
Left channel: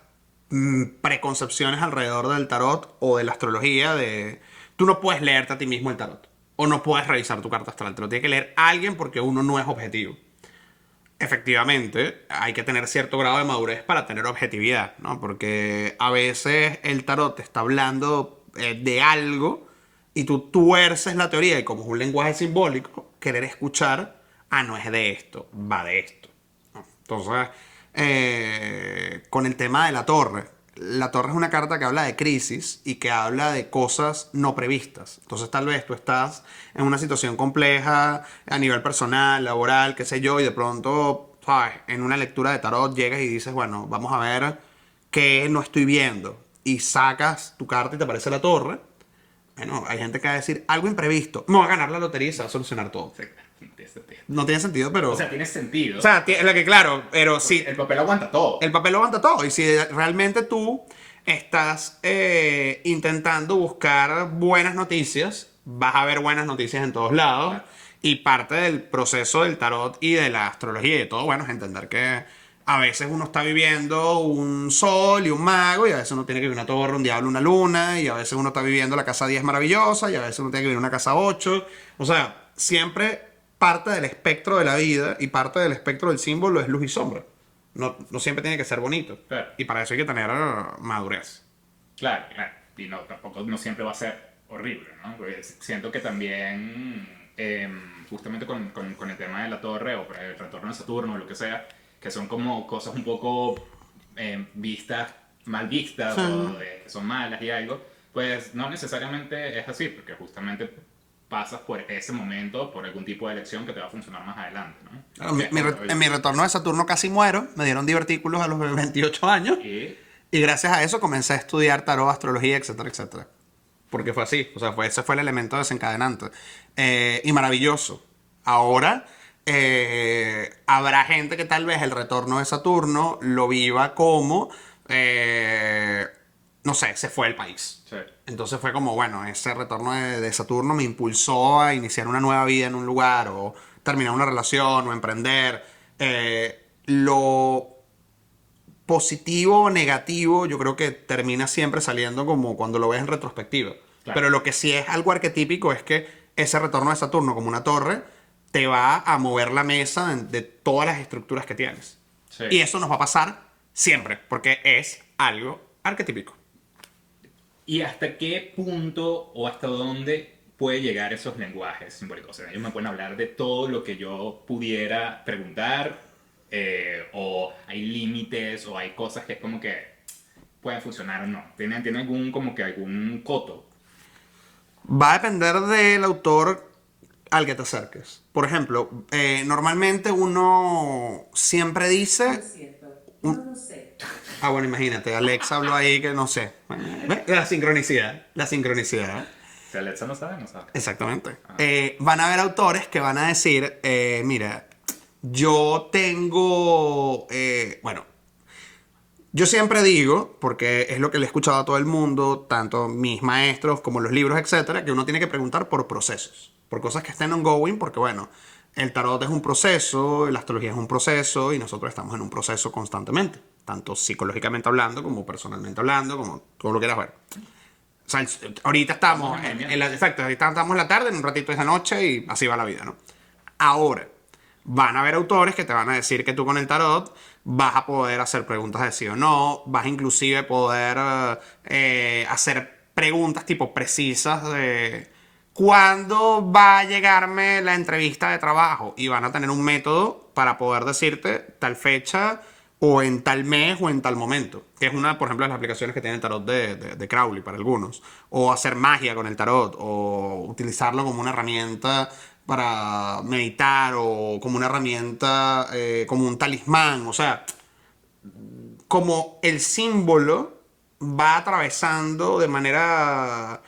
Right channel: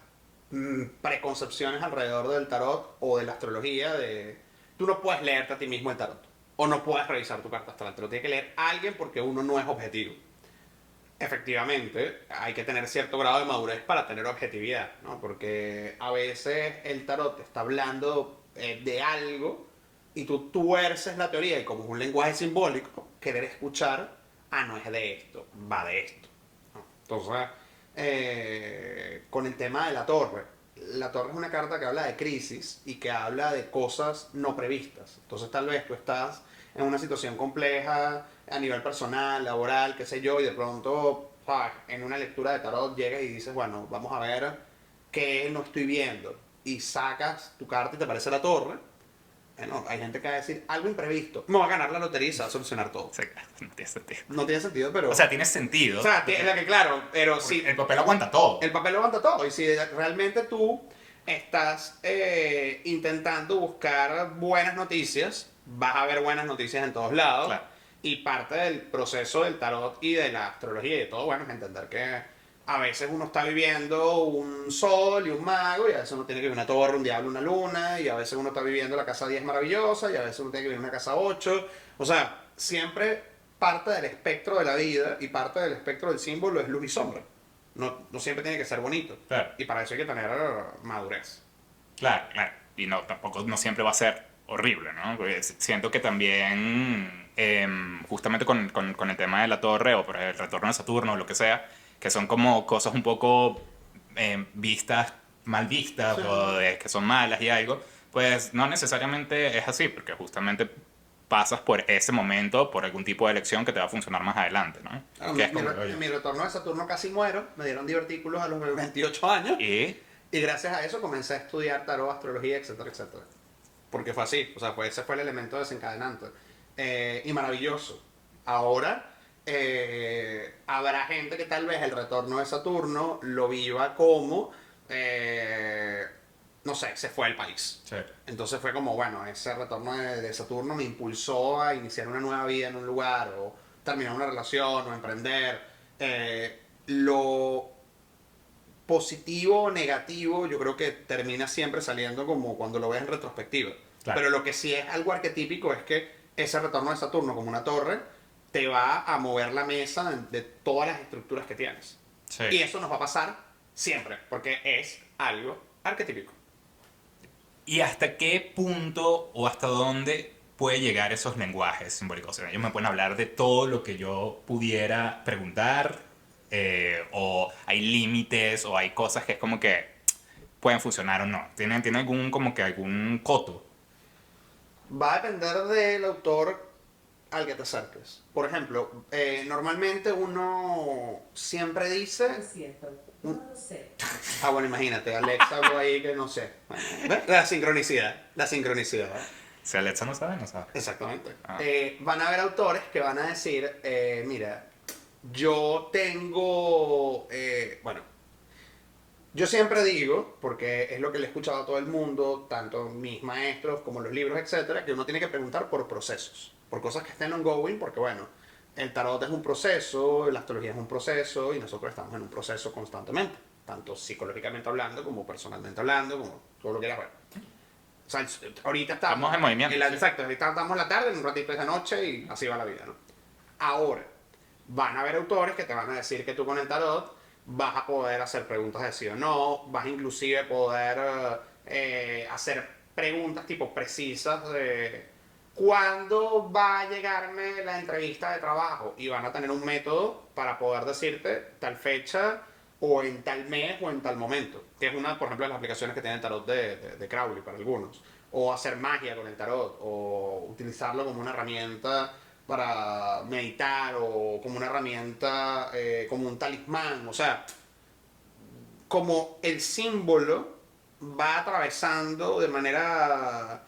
preconcepciones alrededor del tarot o de la astrología, de tú no puedes leerte a ti mismo el tarot. O no puedes revisar tu carta astral. Te lo tiene que leer alguien porque uno no es objetivo. Efectivamente, hay que tener cierto grado de madurez para tener objetividad, ¿no? Porque a veces el tarot te está hablando de algo y tú tuerces la teoría y como es un lenguaje simbólico, querer escuchar, ah, no es de esto, va de esto. Entonces, con el tema de la torre es una carta que habla de crisis y que habla de cosas no previstas. Entonces, tal vez tú estás en una situación compleja a nivel personal, laboral, qué sé yo, y de pronto, ¿sabes? En una lectura de tarot llegas y dices, bueno, vamos a ver qué no estoy viendo. Y sacas tu carta y te aparece la torre. Bueno, hay gente que va a decir algo imprevisto. Me voy a ganar la lotería y se va a solucionar O todo. sea, no tiene sentido. No tiene sentido, pero. O sea, tiene O sentido. sea, es la que claro, pero sí, El papel aguanta todo. el papel lo aguanta todo. Y si realmente tú estás intentando buscar buenas noticias, vas a ver buenas noticias en todos lados. Claro. Y parte del proceso del tarot y de la astrología y de todo, bueno, es entender que a veces uno está viviendo un sol y un mago, y a veces uno tiene que vivir una torre, un diablo, una luna, y a veces uno está viviendo la casa 10 maravillosa, y a veces uno tiene que vivir una casa 8. O sea, siempre parte del espectro de la vida y parte del espectro del símbolo es luz y sombra. No siempre tiene que ser bonito. Claro. Y para eso hay que tener madurez. Claro, claro. Y no, tampoco no siempre va a ser horrible, ¿no? Pues siento que también, justamente con el tema de la torre o por el retorno de Saturno o lo que sea, que son como cosas un poco vistas, mal vistas Sí. o que son malas y algo, pues no necesariamente es así, porque justamente pasas por ese momento, por algún tipo de elección que te va a funcionar más adelante, ¿no? Claro, Que es como en mi retorno de Saturno casi muero, me dieron divertículos a los 28 años y y gracias a eso comencé a estudiar tarot, astrología, etcétera, etcétera. Porque fue así, o sea, ese fue el elemento desencadenante. Y maravilloso. Ahora, habrá gente que tal vez el retorno de Saturno lo viva como, no sé, se fue del país. sí. Entonces fue como, bueno, ese retorno de Saturno me impulsó a iniciar una nueva vida en un lugar, o terminar una relación, o emprender. Lo positivo o negativo, yo creo que termina siempre saliendo como cuando lo ves en retrospectiva. Claro. Pero lo que sí es algo arquetípico es que ese retorno de Saturno como una torre te va a mover la mesa de todas las estructuras que tienes. Sí. Y eso nos va a pasar siempre, porque es algo arquetípico. ¿Y hasta qué punto o hasta dónde puede llegar esos lenguajes simbólicos? O sea, ellos me pueden hablar de todo lo que yo pudiera preguntar, o hay límites, o hay cosas que es como que pueden funcionar o no. ¿Tienen algún, como que algún coto? Va a depender del autor al que te acerques. Por ejemplo, normalmente uno siempre No dice... es cierto. No lo sé. Ah, bueno, imagínate, Alexa habló ahí que no sé. La sincronicidad, la sincronicidad. Si Alexa no sabe, no sabe. Exactamente. Ah. Van a haber autores que van a decir, mira, yo tengo, bueno, yo siempre digo, porque es lo que le he escuchado a todo el mundo, tanto mis maestros como los libros, etcétera, que uno tiene que preguntar por procesos, por cosas que estén ongoing, porque bueno, el tarot es un proceso, la astrología es un proceso y nosotros estamos en un proceso constantemente, tanto psicológicamente hablando como personalmente hablando, como todo lo quieras ver. O sea, ahorita estamos Estamos en movimiento. exacto, ahorita estamos en la tarde, en un ratito es de noche y así va la vida, ¿no? Ahora, van a haber autores que te van a decir que tú con el tarot vas a poder hacer preguntas de sí o no, vas a inclusive poder hacer preguntas tipo precisas de cuándo va a llegarme la entrevista de trabajo y van a tener un método para poder decirte tal fecha o en tal mes o en tal momento, que es una, por ejemplo, de las aplicaciones que tiene el tarot de Crowley para algunos, o hacer magia con el tarot, o utilizarlo como una herramienta para meditar, o como una herramienta, como un talismán, o sea, como el símbolo va atravesando de manera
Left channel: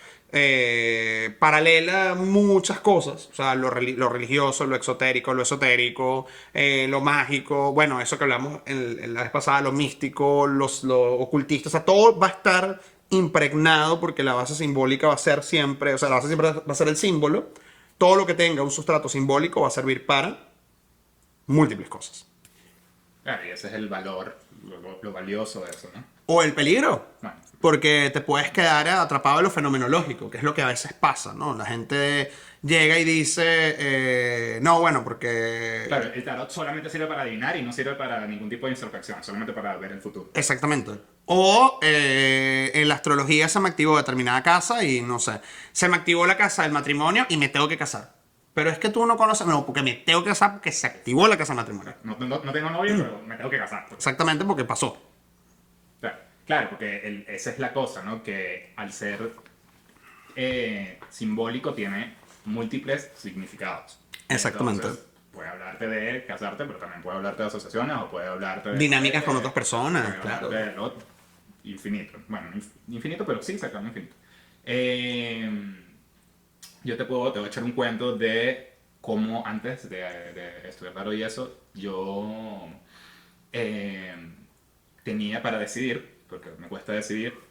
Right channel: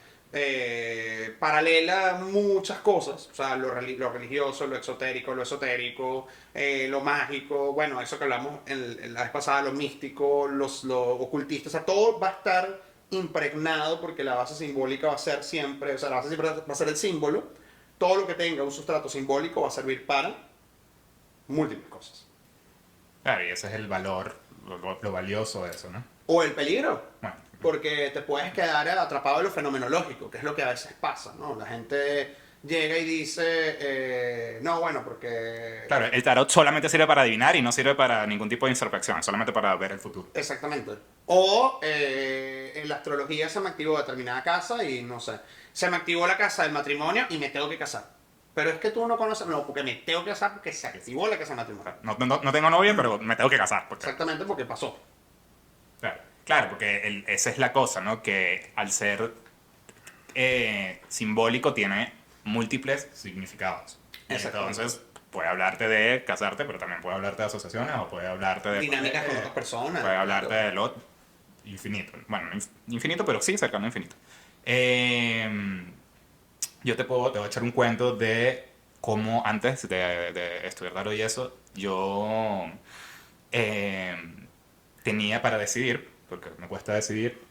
paralela muchas cosas, o sea, lo religioso, lo exotérico, lo esotérico, lo mágico, bueno, eso que hablamos en la vez pasada, lo místico, lo ocultista, o sea, todo va a estar impregnado porque la base simbólica va a ser siempre, o sea, la base siempre va a ser el símbolo, todo lo que tenga un sustrato simbólico va a servir para múltiples cosas. Claro, y ese es el valor, lo valioso de eso, ¿no? O el peligro. Bueno, Porque te puedes quedar atrapado en lo fenomenológico, que es lo que a veces pasa, ¿no? La gente llega y dice, no, bueno, porque... claro, el tarot solamente sirve para adivinar y no sirve para ningún tipo de introspección, solamente para ver el futuro. Exactamente. O en la astrología se me activó determinada casa y no sé, se me activó la casa del matrimonio y me tengo que casar. Pero es que tú no conoces, no, porque me tengo que casar porque se activó la casa del matrimonio. No tengo novia, pero me tengo que casar. Exactamente porque pasó. Claro, porque esa es la cosa, ¿no? Que al ser simbólico tiene múltiples significados. Exactamente. Entonces, puede hablarte de casarte, pero también puede hablarte de asociaciones o puede hablarte de... Dinámicas con otras personas. Puede claro. hablarte de lo infinito. Bueno, no infinito, pero sí cercano a infinito. Yo te voy a echar un cuento de cómo antes de estudiar tarot y eso, yo tenía para decidir, porque me cuesta decidir,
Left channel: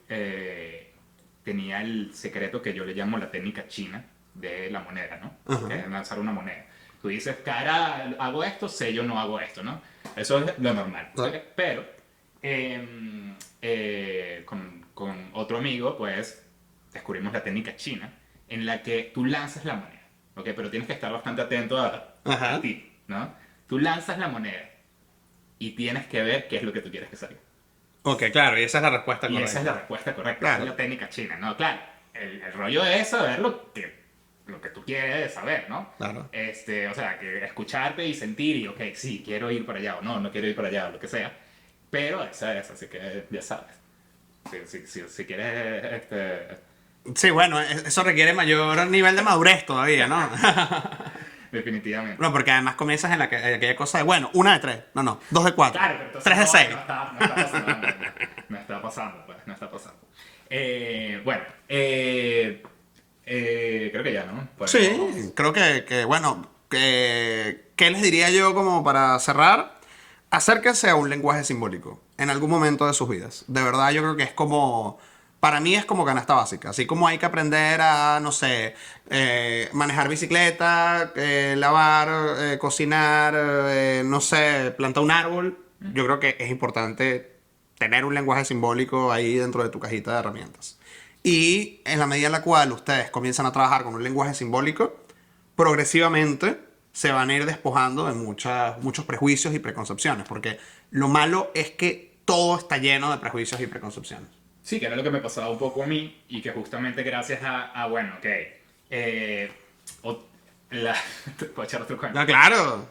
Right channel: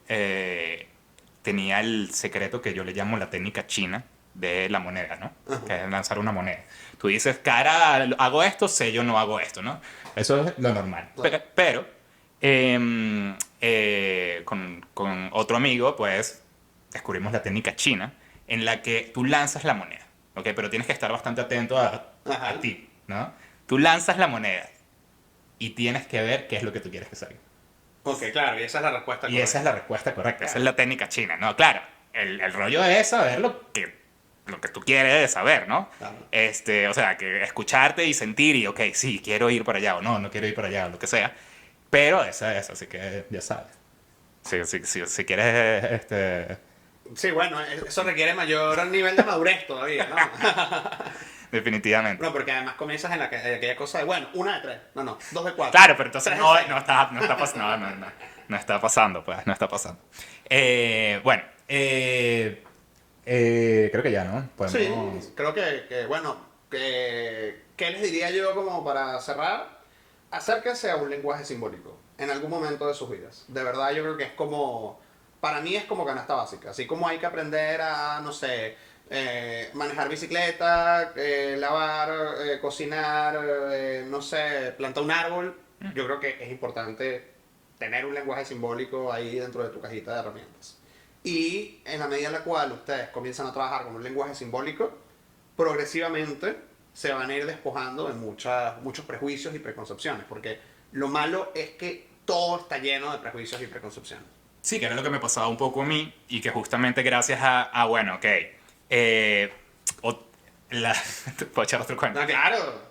tenía el secreto que yo le llamo la técnica china de la moneda, ¿no? Ajá. Que es lanzar una moneda. Tú dices, cara, hago esto, sé yo no hago esto, ¿no? Eso es lo normal. Claro. Pero con otro amigo, pues, descubrimos la técnica china en la que tú lanzas la moneda, ¿ok? Pero tienes que estar bastante atento Ajá. a ti, ¿no? Tú lanzas la moneda y tienes que ver qué es lo que tú quieres que salga. Ok, claro, y esa es la respuesta. Y correcta. esa es la respuesta correcta, esa Claro. es la técnica china, ¿no? Claro, el rollo es saber lo que tú quieres saber, ¿no? Claro. O sea, que escucharte y sentir y, ok, sí, quiero ir para allá o no quiero ir para allá o lo que sea. Pero esa es, así que ya sabes. Si quieres Sí, bueno, eso requiere mayor nivel de madurez todavía, ¿no? Definitivamente. No, porque además comienzas en aquella cosa de, bueno, 1 de 3, no, 2 de 4. Claro, pero entonces 3 de 6. no está pasando, no está pasando, pues, no está pasando. Bueno, creo que ya, ¿no? Sí, Podemos- creo bueno, ¿qué les diría yo como para cerrar? Acérquense a un lenguaje simbólico en algún momento de sus vidas. De verdad, yo creo que es como, para mí es como canasta básica. Así como hay que aprender a, no sé, manejar bicicleta, lavar, cocinar, no sé, plantar un árbol. Yo creo que es importante tener un lenguaje simbólico ahí dentro de tu cajita de herramientas. Y en la medida en la cual ustedes comienzan a trabajar con un lenguaje simbólico, progresivamente se van a ir despojando de muchos prejuicios y preconcepciones, porque lo malo es que todo está lleno de prejuicios y preconcepciones. Sí, que era lo que me pasaba un poco a mí y que justamente gracias bueno, ok, o- te puedo echar otro cuento. Ah, claro.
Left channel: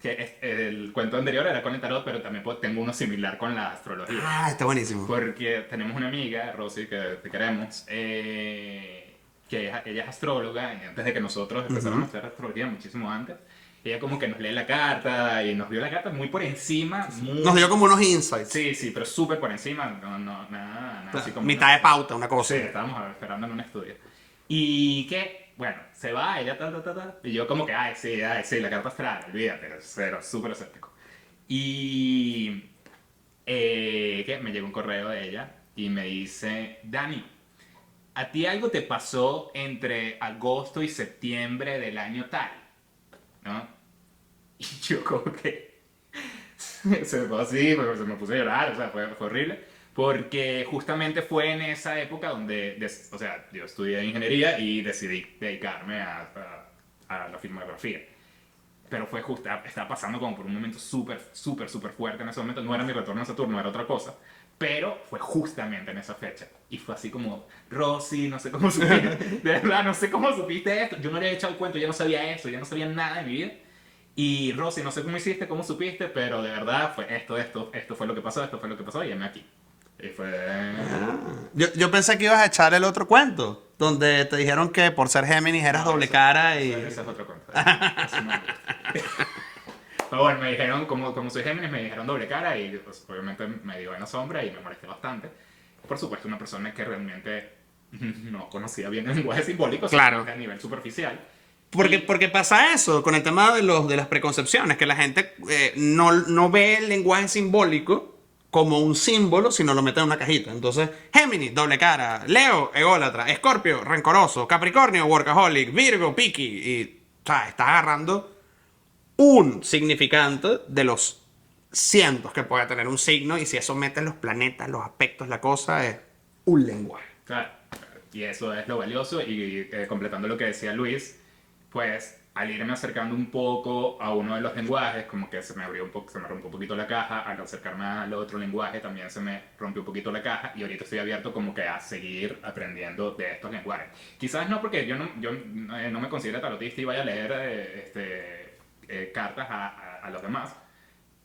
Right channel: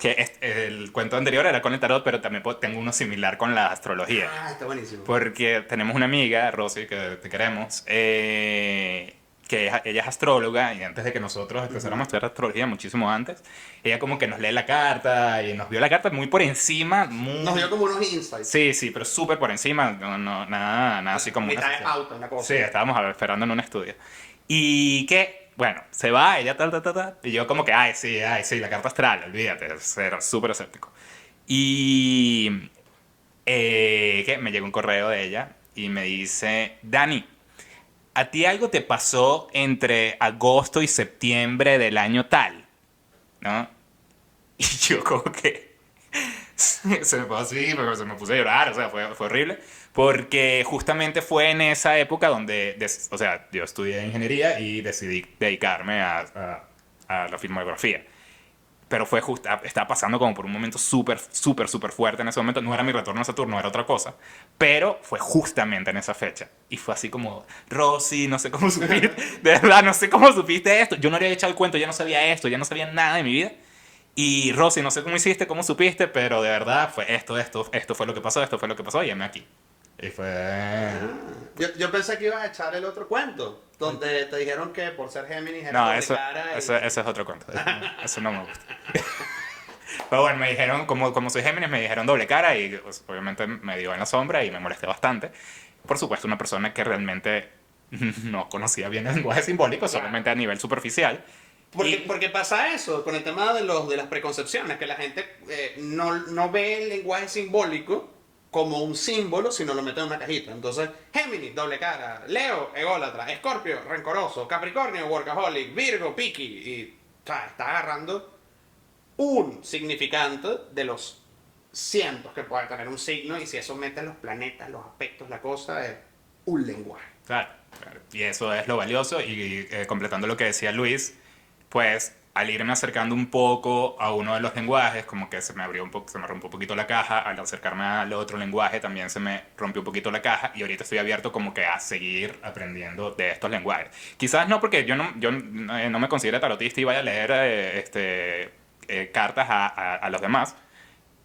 El cuento anterior era con el tarot, pero también tengo uno similar con la astrología. Ah, está buenísimo. Porque tenemos una amiga, Rosy, que te queremos, ella es astróloga y antes de que nosotros empezáramos a estudiar astrología, muchísimo antes, ella como que nos lee la carta y nos vio la carta muy por encima. Nos dio como unos insights. Sí, sí, pero súper por encima, nada así como... Mitad de pauta, una cosa. Sí, estábamos esperando en un estudio. Y que, bueno, se va, ella y yo como que, ay, sí, la carta astral, olvídate, era súper escéptico. Y que me llegó un correo de ella y me dice, Dani, ¿a ti algo te pasó entre agosto y septiembre del año tal? ¿No? Y yo como que se me pasó así, se me puse a llorar, o sea, fue horrible. Porque justamente fue en esa época donde, o sea, yo estudié ingeniería y decidí dedicarme a la filmografía. Pero fue justo, estaba pasando como por un momento súper fuerte en ese momento. No era mi retorno a Saturno, era otra cosa. Pero fue justamente en esa fecha. Y fue así como, Rosy, no sé cómo supiste, de verdad, no sé cómo supiste esto. Yo no le había echado el cuento, ya no sabía esto, ya no sabía nada de mi vida. Y Rosy, no sé cómo hiciste, cómo supiste, pero de verdad fue esto fue lo que pasó, esto fue lo que pasó, y heme aquí. Y fue... Yo pensé que ibas a echar el otro cuento, donde te dijeron que por ser Géminis eras No, doble cara y... ese es otro cuento. Ese no me gusta. Pero bueno, me dijeron, como soy Géminis, me dijeron doble cara y pues, obviamente me dio en la sombra y me molesté bastante. Por supuesto, una persona que realmente no conocía bien el lenguaje simbólico, Claro. solamente a nivel superficial. Porque pasa eso con el tema de las preconcepciones, que la gente no ve el lenguaje simbólico como un símbolo, sino lo mete en una cajita. Entonces, Géminis, doble cara, Leo, ególatra, Escorpio, rencoroso, Capricornio, workaholic, Virgo, picky. Y, o sea, está agarrando un significante de los cientos que puede tener un signo, y si eso mete los planetas, los aspectos, la cosa, es un lenguaje. Claro, claro. Y eso es lo valioso. Y completando lo que decía Luis, pues al irme acercando un poco a uno de los lenguajes, como que se me abrió se me rompió un poquito la caja. Al acercarme al otro lenguaje también se me rompió un poquito la caja. Y ahorita estoy abierto como que a seguir aprendiendo de estos lenguajes. Quizás no porque yo no me considero tarotista y vaya a leer cartas a los demás.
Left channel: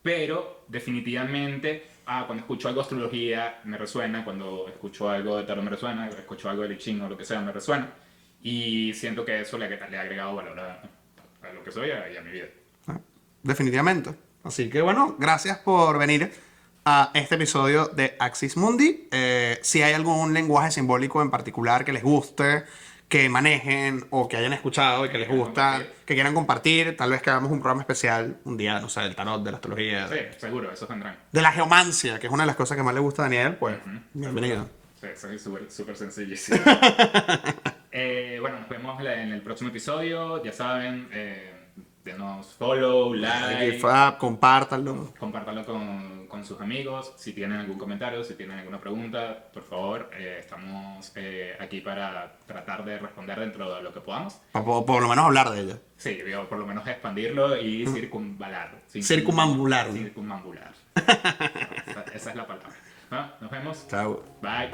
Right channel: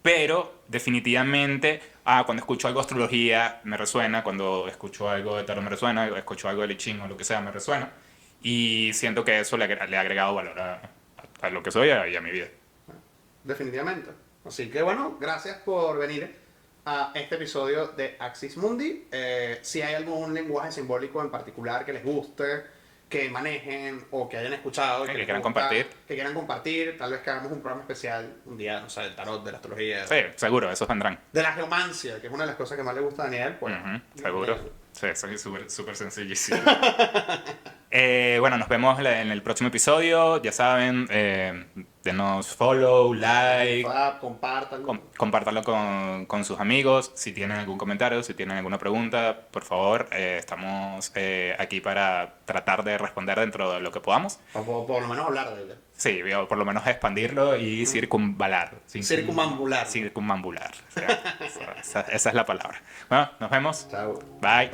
Pero definitivamente, cuando escucho algo de astrología me resuena, cuando escucho algo de tarot me resuena, escucho algo de I Ching o lo que sea me resuena. Y siento que eso le ha agregado valor a lo que soy y a mi vida. Definitivamente. Así que bueno, gracias por venir a este episodio de Axis Mundi. Si hay algún lenguaje simbólico en particular que les guste, que manejen o que hayan escuchado y que les quieran gusta, compartir. que quieran compartir, tal vez que hagamos un programa especial un día, no sé, del tarot, de la astrología, Sí, seguro, esos vendrán. de la geomancia, que es una de las cosas que más le gusta a Daniel, pues Ujú, bienvenido. seguro. Sí, soy súper sencillísimo. Bueno, nos vemos en el próximo episodio. Ya saben, denos follow, like. Compártanlo. Compártanlo con sus amigos. Si tienen algún comentario, si tienen alguna pregunta, por favor, estamos aquí para tratar de responder dentro de lo que podamos. Por lo menos hablar de ella. Sí, o por lo menos expandirlo y circunvalar. Circunambular. Circunambular. O sea, esa es la palabra. Bueno, nos vemos. Chao. Bye.